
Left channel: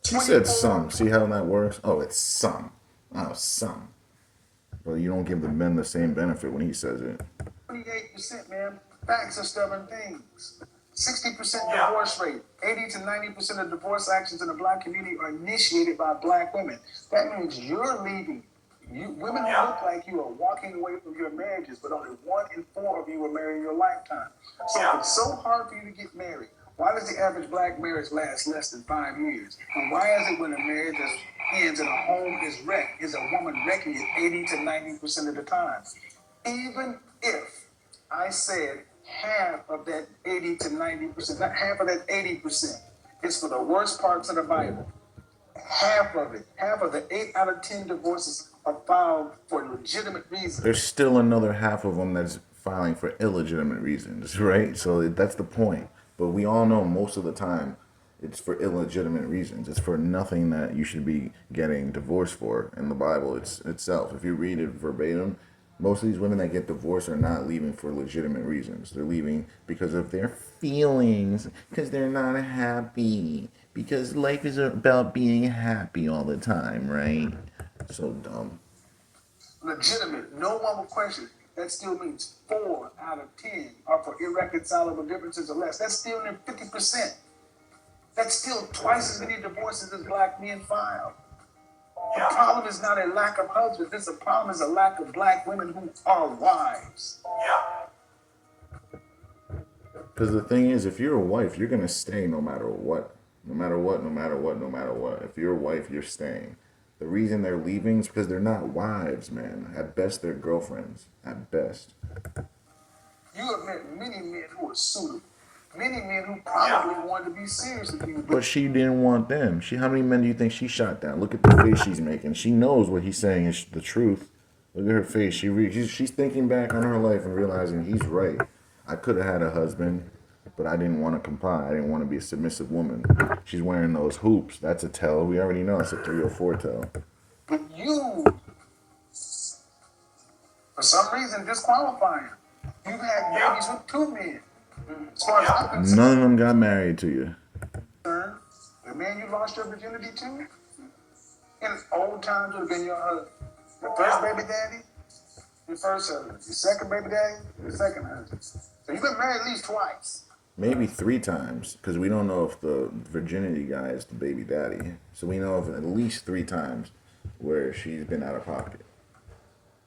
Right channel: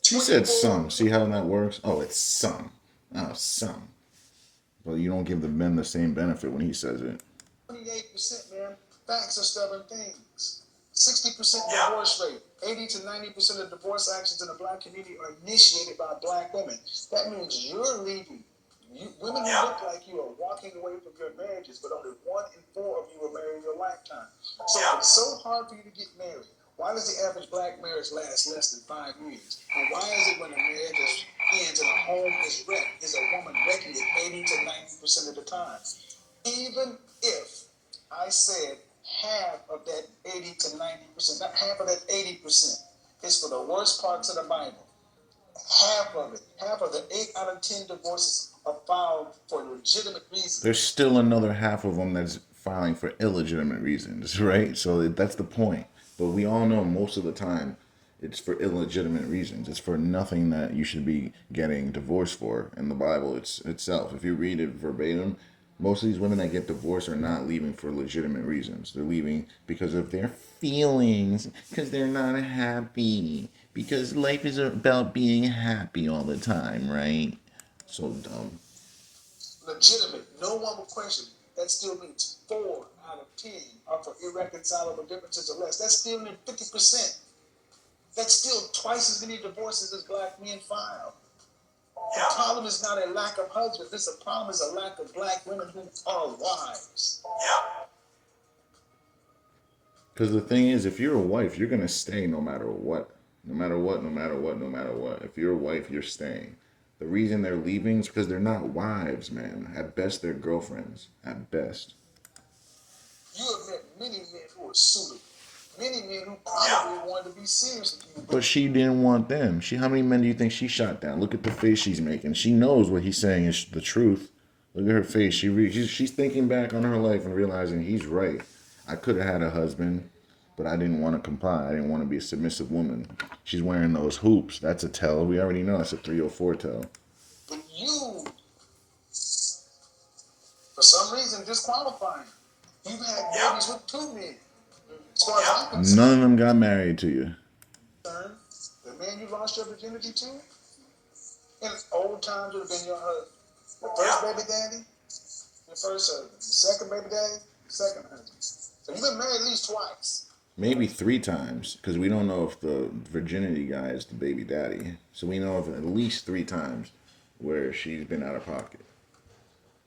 She said some. See how that works? Oh, it's some. Oh, some. But you don't give the men the same benefit when he says it. 28%, man. Facts are stubborn things. 60% divorce rate. 80 to 90% of divorce actions in the black community are initiated by black women. That means you're leaving. Women who look like you are walking away from your marriages, but only 1 in 4 of you will marry in your lifetime. So it's so hard for you to get married. Why does the average black marriage last less than 5 years? And why is it when a marriage ends and a home is wrecked, is a woman wrecking it 80 to 90% of the time? Even if I said half of that 80 to 90%, not half of that 80%, is for the worst parts of the Bible. Half of it, half of the 8 out of 10 divorces are filed for legitimate reasons. There's still another half of them that's filing for illegitimate reasons, right? So that's the point. But we all know most of the time it's for illegitimate reasons. It's for nothing that you should be getting divorced for in the Bible itself. If you read it verbatim, most of these women that get divorced are not leaving for legitimate reasons. They're leaving because of their feelings, because they're not happy, because life is about being happy all the time, right? So dumb. Legitimate. No one will question it. That still means 4 out of 10 are for irreconcilable differences or less. That's still near 50%. That's still twice as many divorces as black men file. The problem is not a lack of husbands. This problem is a lack of black women who are wives. Because the thing is, if you're a wife, you're going to stay no matter what. No matter what, no matter what, no matter what. If you're a wife, you're staying. The reason they're leaving is because they're not wives, man. At best, they're girlfriends. At best. You have met many men who are suitable. Many men who probably wanted to be serious with you. But she didn't want them. How many men do you think she shot down? Look at the face she's making. She knows what he's saying is the truth. Look at her face. She's thinking back on her life and realizing he's right. I could have had a husband, but I didn't want to comply. I didn't want to be a submissive woman. She's wearing those hoops. That's a tell. We already know it's a 304 tell. But you, for some reason, disqualifying. You've had babies with 2 men. As far as I'm concerned, None of them got married to you. the man you lost your virginity to, in old times would have been your husband. Your first baby daddy, your first husband. Your second baby daddy, your second husband. So you've been married at least twice. Maybe 3 times, because we don't know if the virginity guy is the baby daddy. So we know of at least 3 times where she's been out of pocket.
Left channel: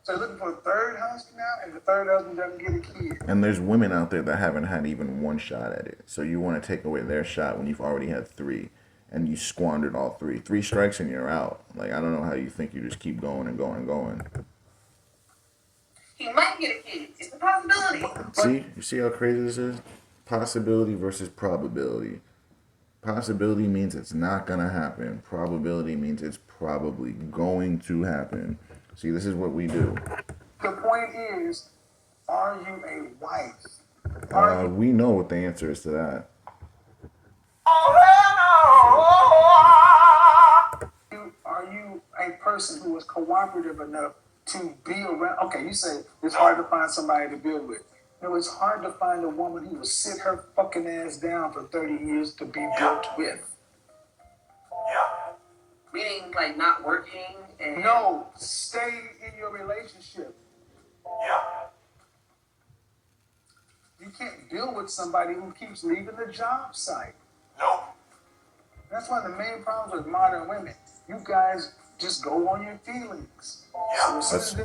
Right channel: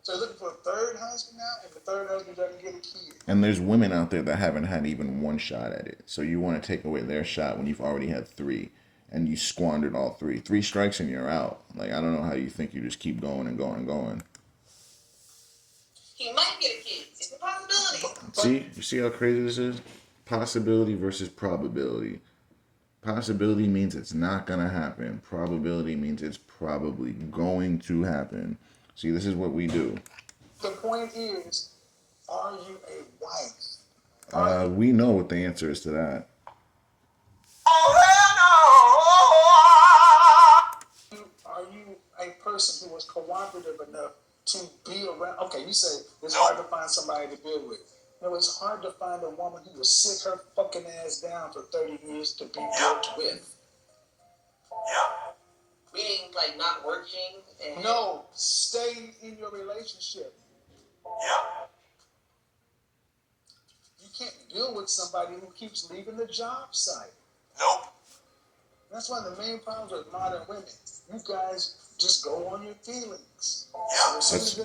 So you're looking for a third husband now, and the third husband doesn't get a kid. And there's women out there that haven't had even 1 shot at it. So you want to take away their shot when you've already had 3, and you squandered all 3. 3 strikes and you're out. Like, I don't know how you think you just keep going and going and going. He might get a kid. It's a possibility. See? You see how crazy this is? Possibility versus probability. Possibility means it's not going to happen. Probability means it's probably going to happen. See, this is what we do. The point is, are you a wife? We know what the answer is to that. Are you a person who is cooperative enough to be around? Okay, you say it's hard to find somebody to build with. No, it's hard to find a woman who will sit her fucking ass down for 30 years to be built with. Meaning, like, not working and... No, stay in your relationship. You can't build with somebody who keeps leaving the job site. Nope. That's one of the main problems with modern women. You guys just go on your feelings.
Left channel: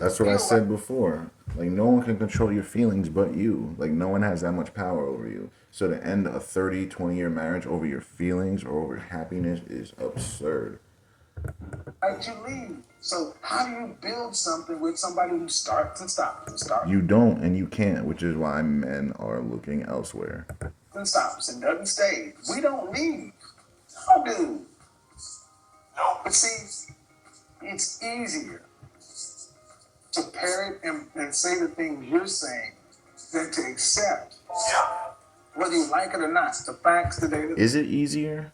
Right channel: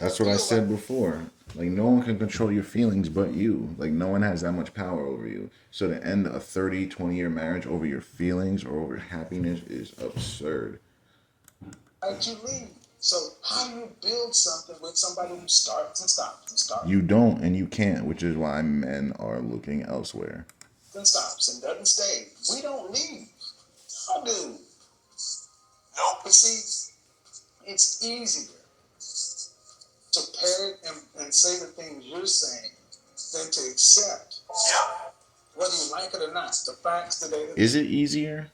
That's what I said before. Like, no one can control your feelings but you. Like, no one has that much power over you. So to end a 30, 20-year marriage over your feelings or over happiness is absurd. Like, you leave. So how do you build something with somebody who starts and stops and starts? You don't and you can't, which is why men are looking elsewhere. And stops and doesn't stay. We don't leave. Y'all do. Nope. But see, it's easier to parrot and say the things you're saying than to accept, whether you like it or not, the facts today. Is it easier?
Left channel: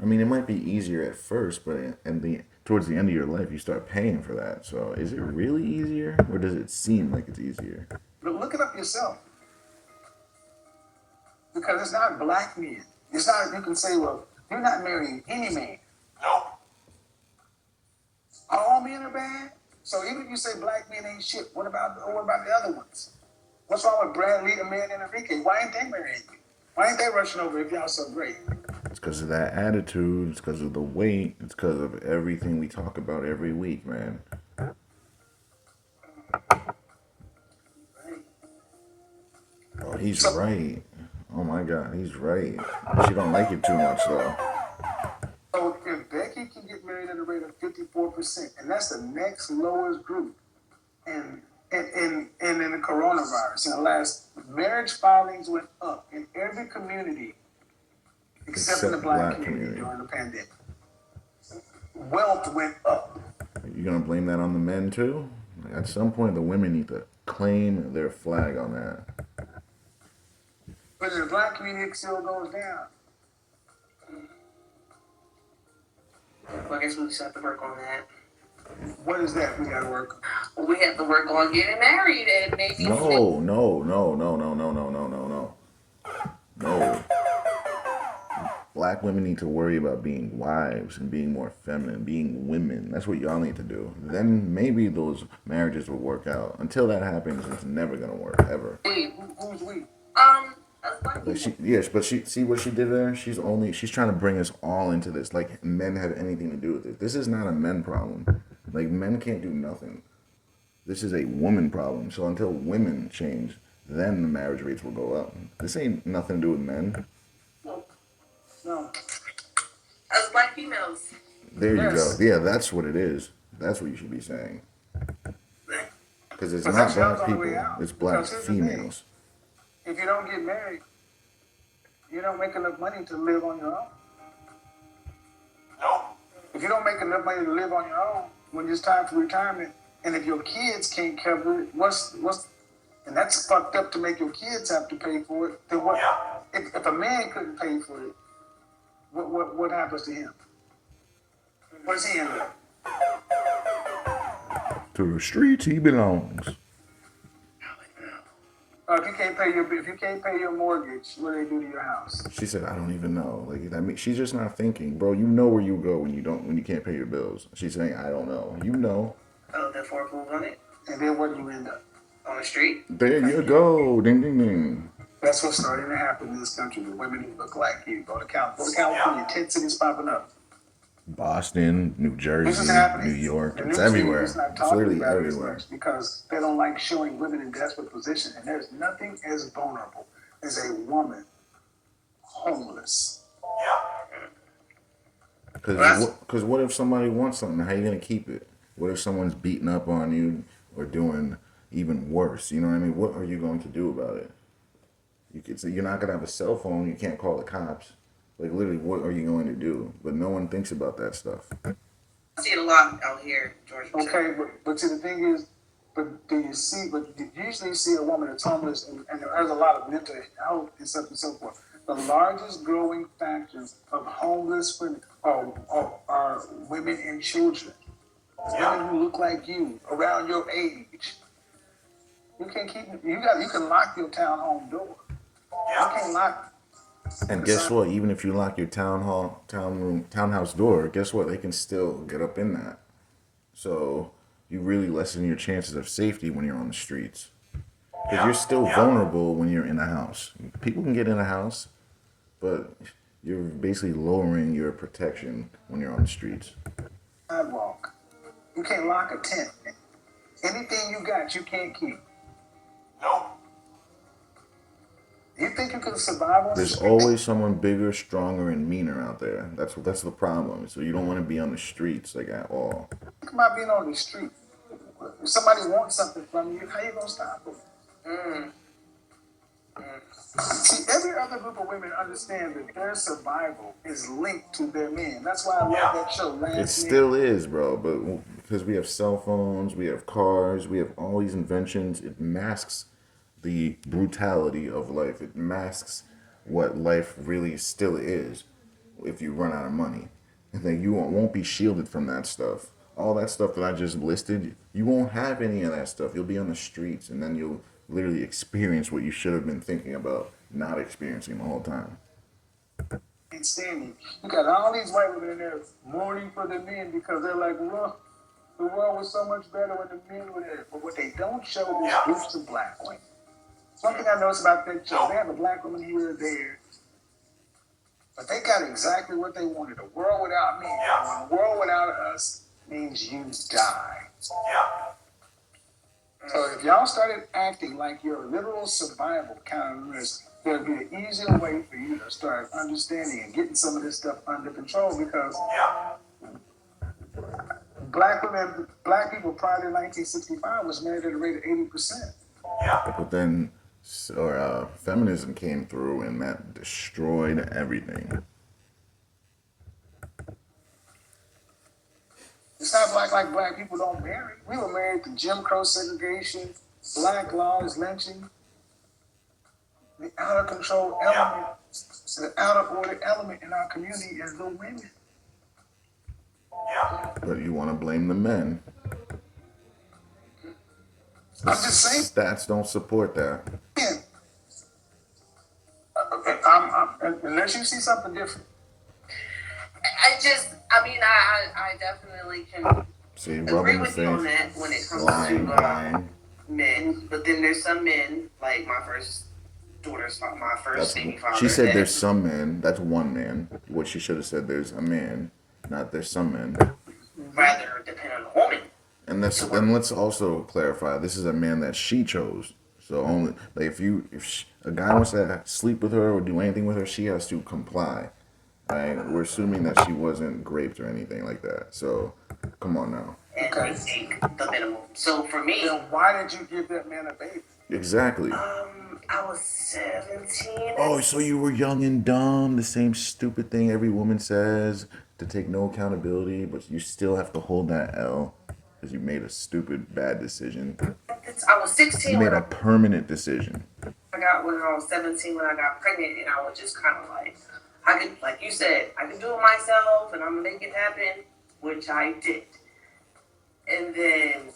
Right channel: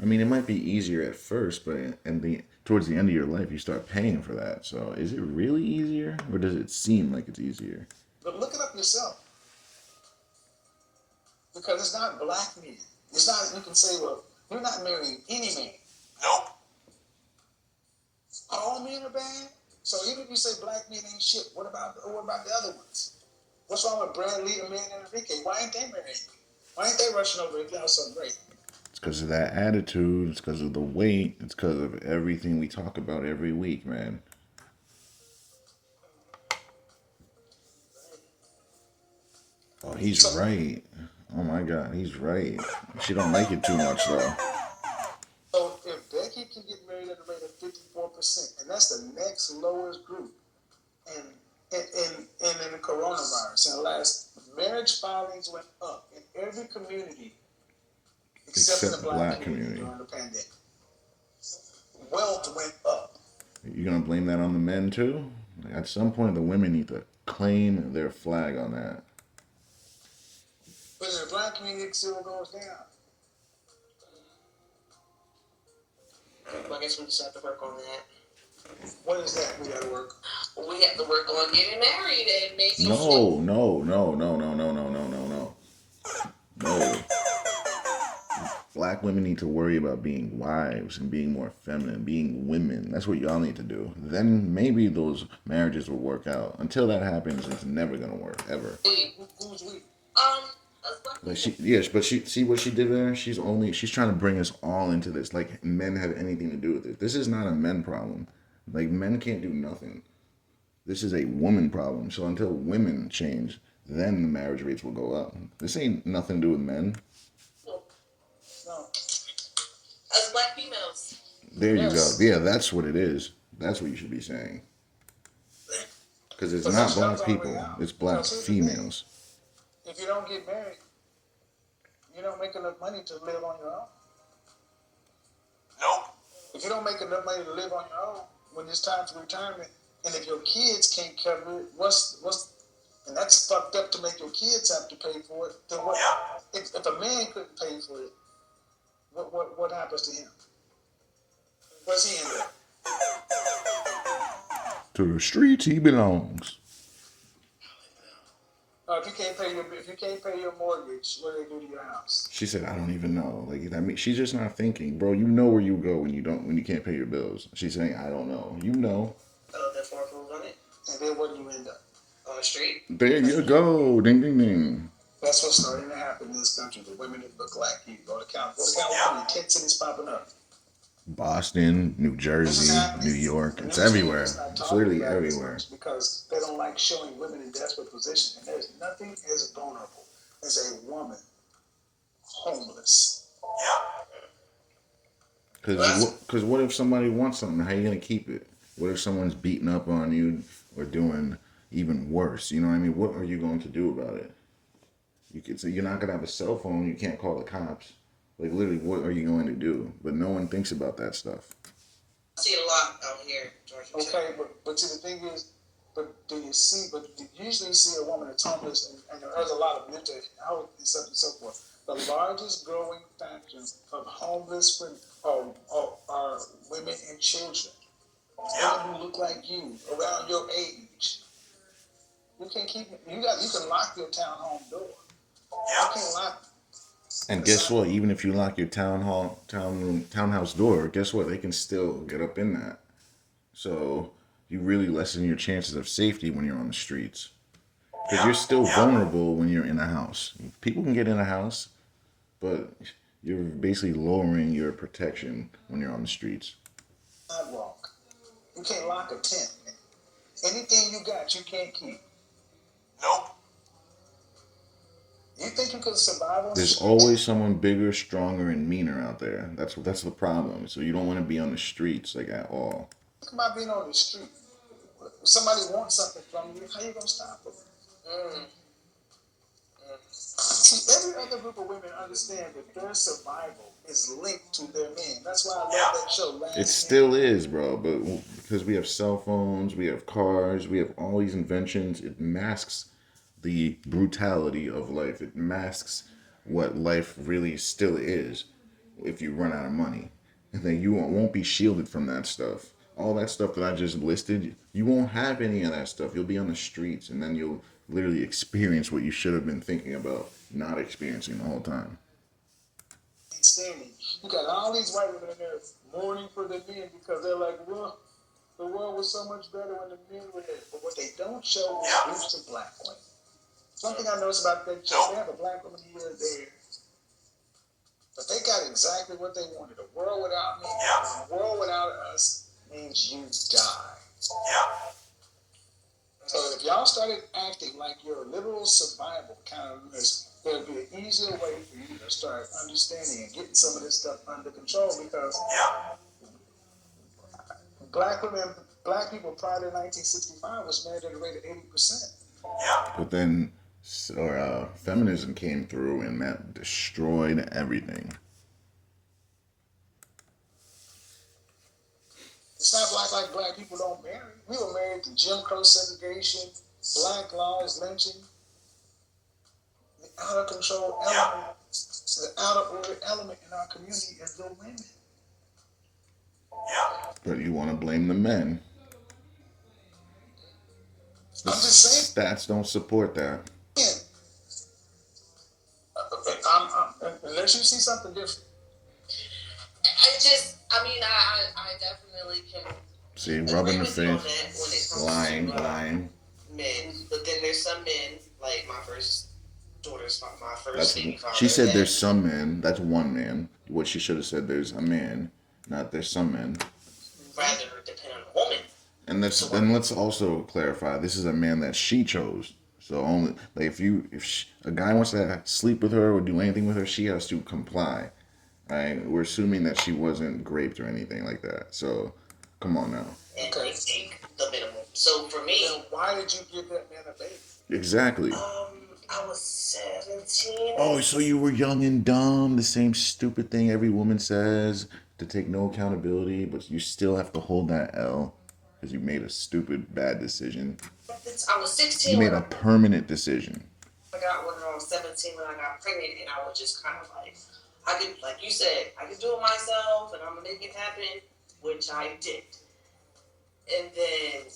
I mean, it might be easier at first, but towards the end of your life, you start paying for that. So is it really easier, or does it seem like it's easier? But look it up yourself. Because it's not black men. It's not, you can say, well, you're not marrying any man. Nope. All men are bad? So even if you say black men ain't shit, what about the other ones? What's wrong with Bradley, the man, and Enrique? Why ain't they marrying you? Why ain't they rushing over if y'all so great? It's because of that attitude. It's because of the weight. It's because of everything we talk about every week, man. Oh, he's right. Oh my God, he's right. She don't like it too much though. So if Becky can get married at a rate of 54%, and that's the next lowest group in in the coronavirus, in the last marriage filings went up in every community except in the Except black black community community. during the pandemic. Wealth went up. You gonna blame that on the men too? Like, at some point, the women need to claim their flag on that. But in the black community, it still goes down. Well, I guess we just have to work on that. What is that we gotta work on? We have to work on getting married and maybe. No, no, no, no, no, no, no, no, no, no. No. Black women need to worry about being wives and being more feminine, being women. That's what y'all need to do. Then maybe those marriages will work out. Until that happens, it's never gonna work ever. Who's we? As black Like people. yes, but she see what she did there. She's trying to bring us all into this. Like men have anything to do with it. This is not a men problem. Like men can't do nothing. This is a woman problem. So until women change, then the marriage rates will go up. This ain't nothing to do with men. No. No. As black females. There you go. Yes. Yeah, that's what it is. That's what you should be saying. Because it's But not that shows black all the way people. out. It's black Because here's the thing. females. If you don't get married, you don't make enough money to live on your own. Nope. If you don't make enough money to live on your own, when it's time for retirement, and if your kids can't cover it, what's and that's fucked up to make your kids have to pay for it. Then what? If a man couldn't pay for it, what happens to him? Where's he end up? To the streets he belongs. If you can't pay your mortgage, what do they do to your house? She said, "I don't even know." Like I mean, she's just not thinking, bro. You know where you go when you can't pay your bills. She's saying, "I don't know." You know. Oh, therefore move on it. And then where do you end up? On the street. There you go. Ding ding ding. That's what's starting to happen in this country. The women who look like you. Go to California. 10 cities popping up. Boston, New This is Jersey, happening. New York. The It's news media everywhere. is not It's talking literally about it as everywhere. much because they don't like showing women in desperate position. And there's nothing as vulnerable as a woman homeless. Because what if somebody wants something? How you gonna keep it? What if someone's beating up on you or doing even worse? You know what I mean? What are you going to do about it? So you're not gonna have a cell phone. You can't call the cops. Like literally, what are you going to do? But no one thinks about that stuff. I see it a lot out here, Georgia. Okay, but see, the thing is, but do you see, but you usually see a woman that's homeless and there's a lot of mental health and stuff and so forth. The largest growing factors of homeless women are women and children. Women who look like you, around your age. You can't keep you can lock your townhome door. You can't lock. And guess what? Even if you lock your townhouse door, guess what? They can still get up in that. So you really lessen your chances of safety when you're on the streets. Because you're still vulnerable when you're in a house. People can get in a house, but you're basically lowering your protection when you're on the streets. Sidewalk. You can't lock a tent. Anything you got, you can't keep. Nope. You think you can survive on the There's street? always someone bigger, stronger, and meaner out there. That's the problem. So you don't want to be on the streets like at all. Think about being on the street. If somebody wants something from you, how you gonna stop them? See, every other group of women understand that their survival is linked to their men. That's why I love that show. Last It still is, bro. But because we have cell phones, we have cars, we have all these inventions, it masks the brutality of life. It masks what life really still is if you run out of money. And then you won't be shielded from that stuff. All that stuff that I just listed, you won't have any of that stuff. You'll be on the streets and then you'll literally experience what you should have been thinking about not experiencing the whole time. ain't standing. You got all these white women in there mourning for the men because they're like, well, the world was so much better when the men were there. But what they don't show is groups of black women. One thing I noticed about that show, they have a black woman here or there, but they got exactly what they wanted. A world without men. And a world without us means you die. So if y'all started acting like your literal survival kind of risk there'd be an easier way for you to start understanding and getting some of this stuff under control because black people prior to 1965 was married at a rate of 80%. But then, feminism came through and that destroyed everything. It's not like black people don't marry. We were married to Jim Crow segregation, black laws, lynching, the out of control element, the out of order element in our community is the women. But you want to blame the men. I'm just saying. Stats don't support that. Unless you see something different. I definitely can See, agree rubbing the with you on face, that when it comes lying, to lying. men. But then there's some men, like my first baby father. She said there's some men. That's one man. What she should have said, there's a man, not there's some men. Rather depend on the woman. And let's also clarify, this is a man that she chose. So only like if a guy wants to sleep with her or do anything with her, she has to comply. Right? We're assuming that she wasn't raped or anything like that. So come on now. And they take the minimum. So for me, then why did you give that man a baby? Exactly. I was 17. Oh, so you were young and dumb. The same stupid thing every woman says, to take no accountability, but you still have to hold that L because you made a stupid, bad decision. I was 16. You made a permanent decision. When I was 17 when I got pregnant, and I was just kind of like, I could, like you said, I could do it myself, and I'm gonna make it happen, which I did. And then.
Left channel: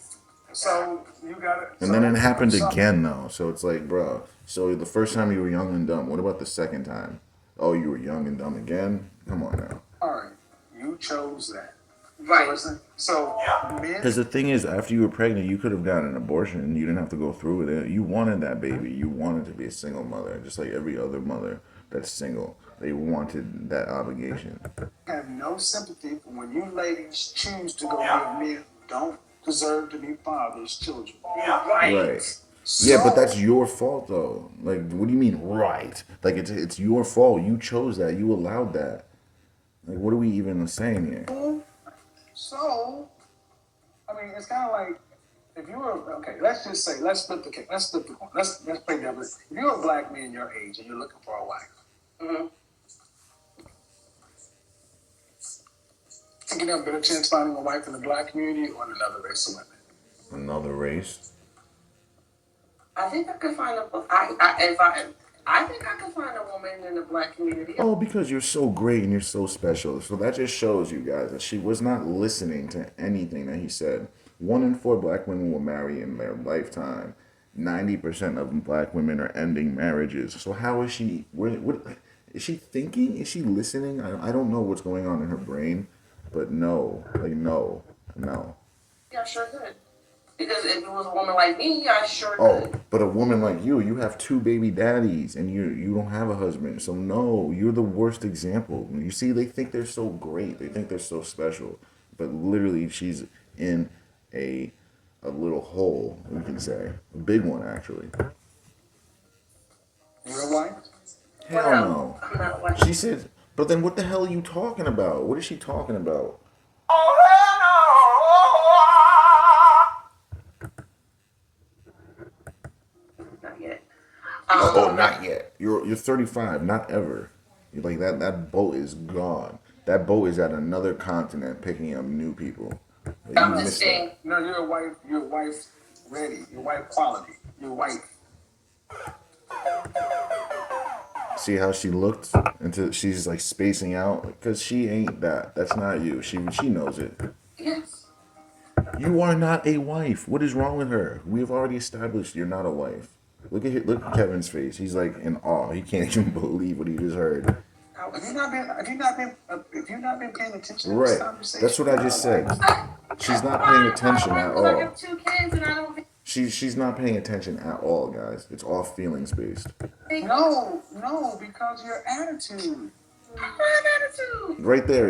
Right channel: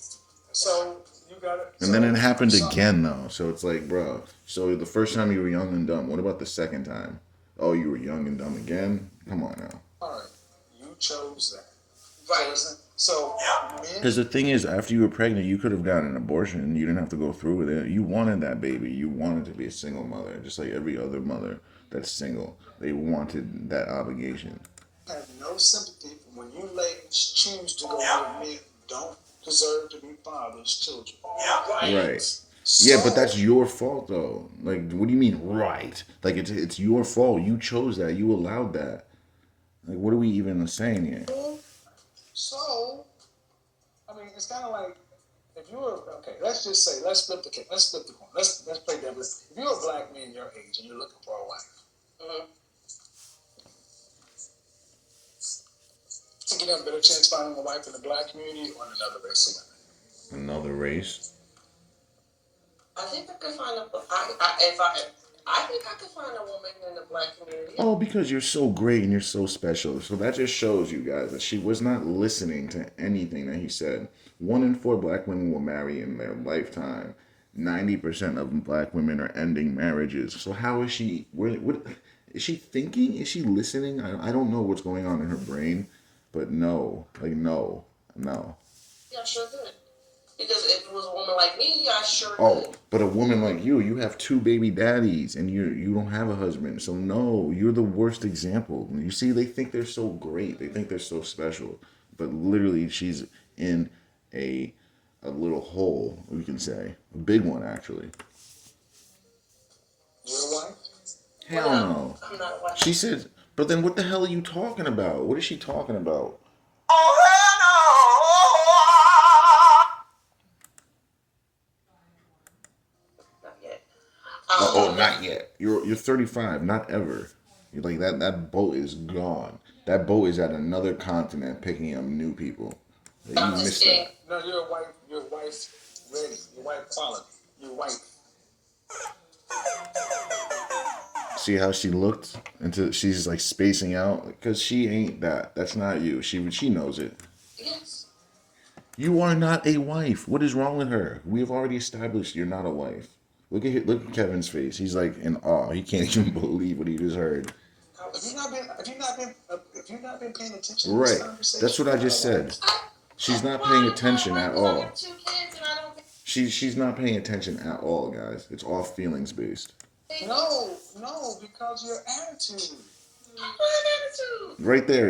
So you got it. And then it happened again, though. So it's like, bro. So the first time you were young and dumb. What about the second time? Oh, you were young and dumb again? Come on now. All right, you chose that. Right. So men. Because the thing is, after you were pregnant, you could have gotten an abortion. You didn't have to go through with it. You wanted that baby. You wanted to be a single mother, just like every other mother that's single. They wanted that obligation. I have no sympathy for when you ladies choose to go with men who don't deserve to be fathers' children. Right. Yeah, but that's your fault, though. Like, what do you mean, right? Like, it's your fault. You chose that. You allowed that. Like, what are we even saying here? So, I mean, it's kind of like if you were okay. Let's just say let's split the coin. Let's play devil's. If you're a black man your age and you're looking for a wife, think you have a better chance finding a wife in the black community or in another race of women? Another race? I think I could find I think I could find a woman in the black community. Oh, because you're so great and you're so special. So that just shows you guys that she was not listening to anything that he said. 1 in 4 black women will marry in their lifetime. 90% of black women are ending marriages. So how is she? What is she thinking? Is she listening? I don't know what's going on in her brain, but no. Yeah, sure could. Because if it was a woman like me, I sure Oh, could. but a woman like you have 2 baby daddies and you don't have a husband. So no, you're the worst example. You see, they think they're so great. They think they're so special. But literally, she's in a little hole, we can say. A big one, actually. You're a wife? Hell no. I'm not a wife. She said, but then what the hell are you talking about? What is she talking about? Not yet. Oh, not yet. You're 35, not ever. You're like that boat is gone. That boat is at another continent picking up new people. You missed that. No, you're a wife. You're wife ready. You're wife quality. You're wife. See how she looked into? She's like spacing out because she ain't that. That's not you. She knows it. Yes. You are not a wife. What is wrong with her? We've already established you're not a wife. Look at Kevin's face. He's like in awe. He can't even believe what he just heard. Have you not been paying attention to Right. this conversation? That's what I just said. She's not paying attention at I all. have 2 kids and I don't. She's not paying attention at all, guys. It's all feelings based. No, because your attitude. I don't have attitude. Right there.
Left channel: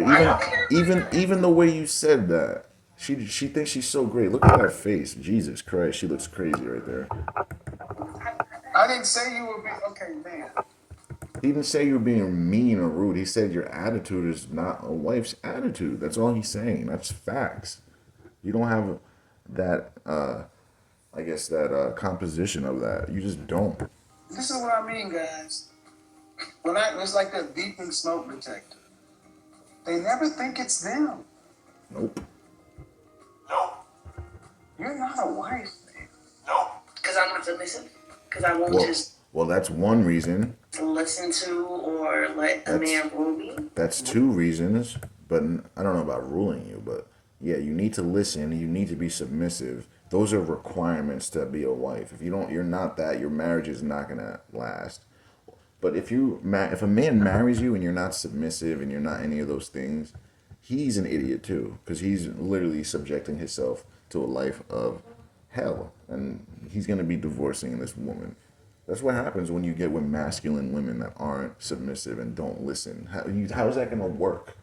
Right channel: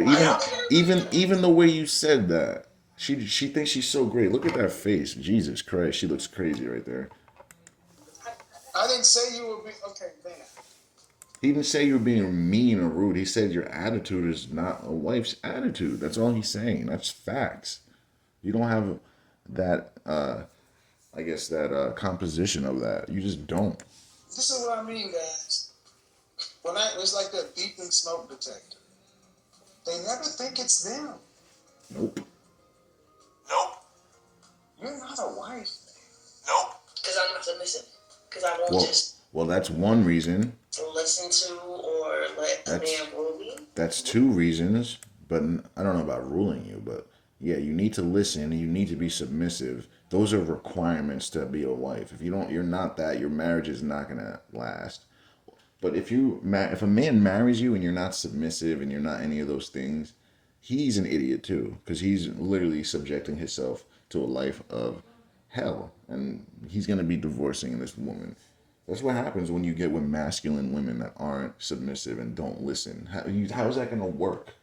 Even the way you said that. She thinks she's so great. Look at that face. Jesus Christ. She looks crazy right there. I I didn't say you were being okay, man. He didn't say you're being mean or rude. He said your attitude is not a wife's attitude. That's all he's saying. That's facts. You don't have that, I guess, that composition of that. You just don't. This is what I mean, guys. It's like that beeping smoke detector. They never think it's them. Nope. Nope. You're not a wife, man. Nope. Because I'm not submissive. Because I won't Well, just well, that's one reason. listen to or let a man rule me. That's two reasons. But I don't know about ruling you, but yeah, you need to listen. You need to be submissive. Those are requirements to be a wife. If you don't, you're not that. Your marriage is not gonna last. But if if a man marries you and you're not submissive and you're not any of those things, he's an idiot too, because he's literally subjecting himself to a life of hell, and he's gonna be divorcing this woman. That's what happens when you get with masculine women that aren't submissive and don't listen. How is that gonna work?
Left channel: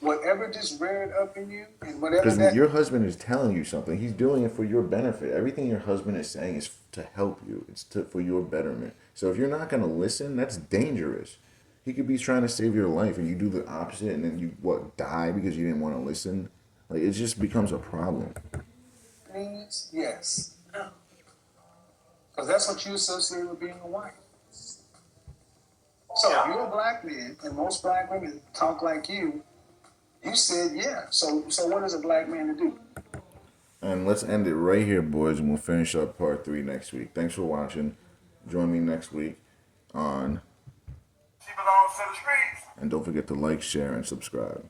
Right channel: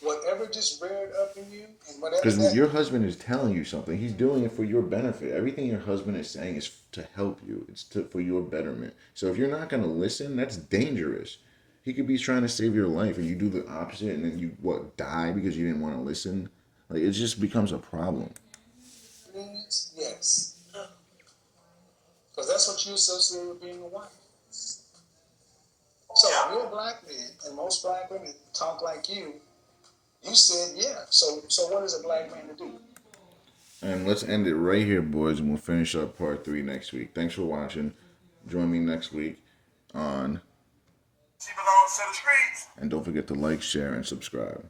Whatever just reared up in you, and whatever Because that. your husband is telling you something. He's doing it for your benefit. Everything your husband is saying is to help you. It's for your betterment. So if you're not going to listen, that's dangerous. He could be trying to save your life, and you do the opposite, and then you die because you didn't want to listen. Like, it just becomes a problem. Means yes, Oh. because that's what you associate with being a wife. So if you're a black man, and most black women talk like you said yeah. So what is a black man to do? And let's end it right here, boys, and we'll finish up part 3 next week. Thanks for watching. Join me next week on. She belongs to the streets. And don't forget to like, share, and subscribe.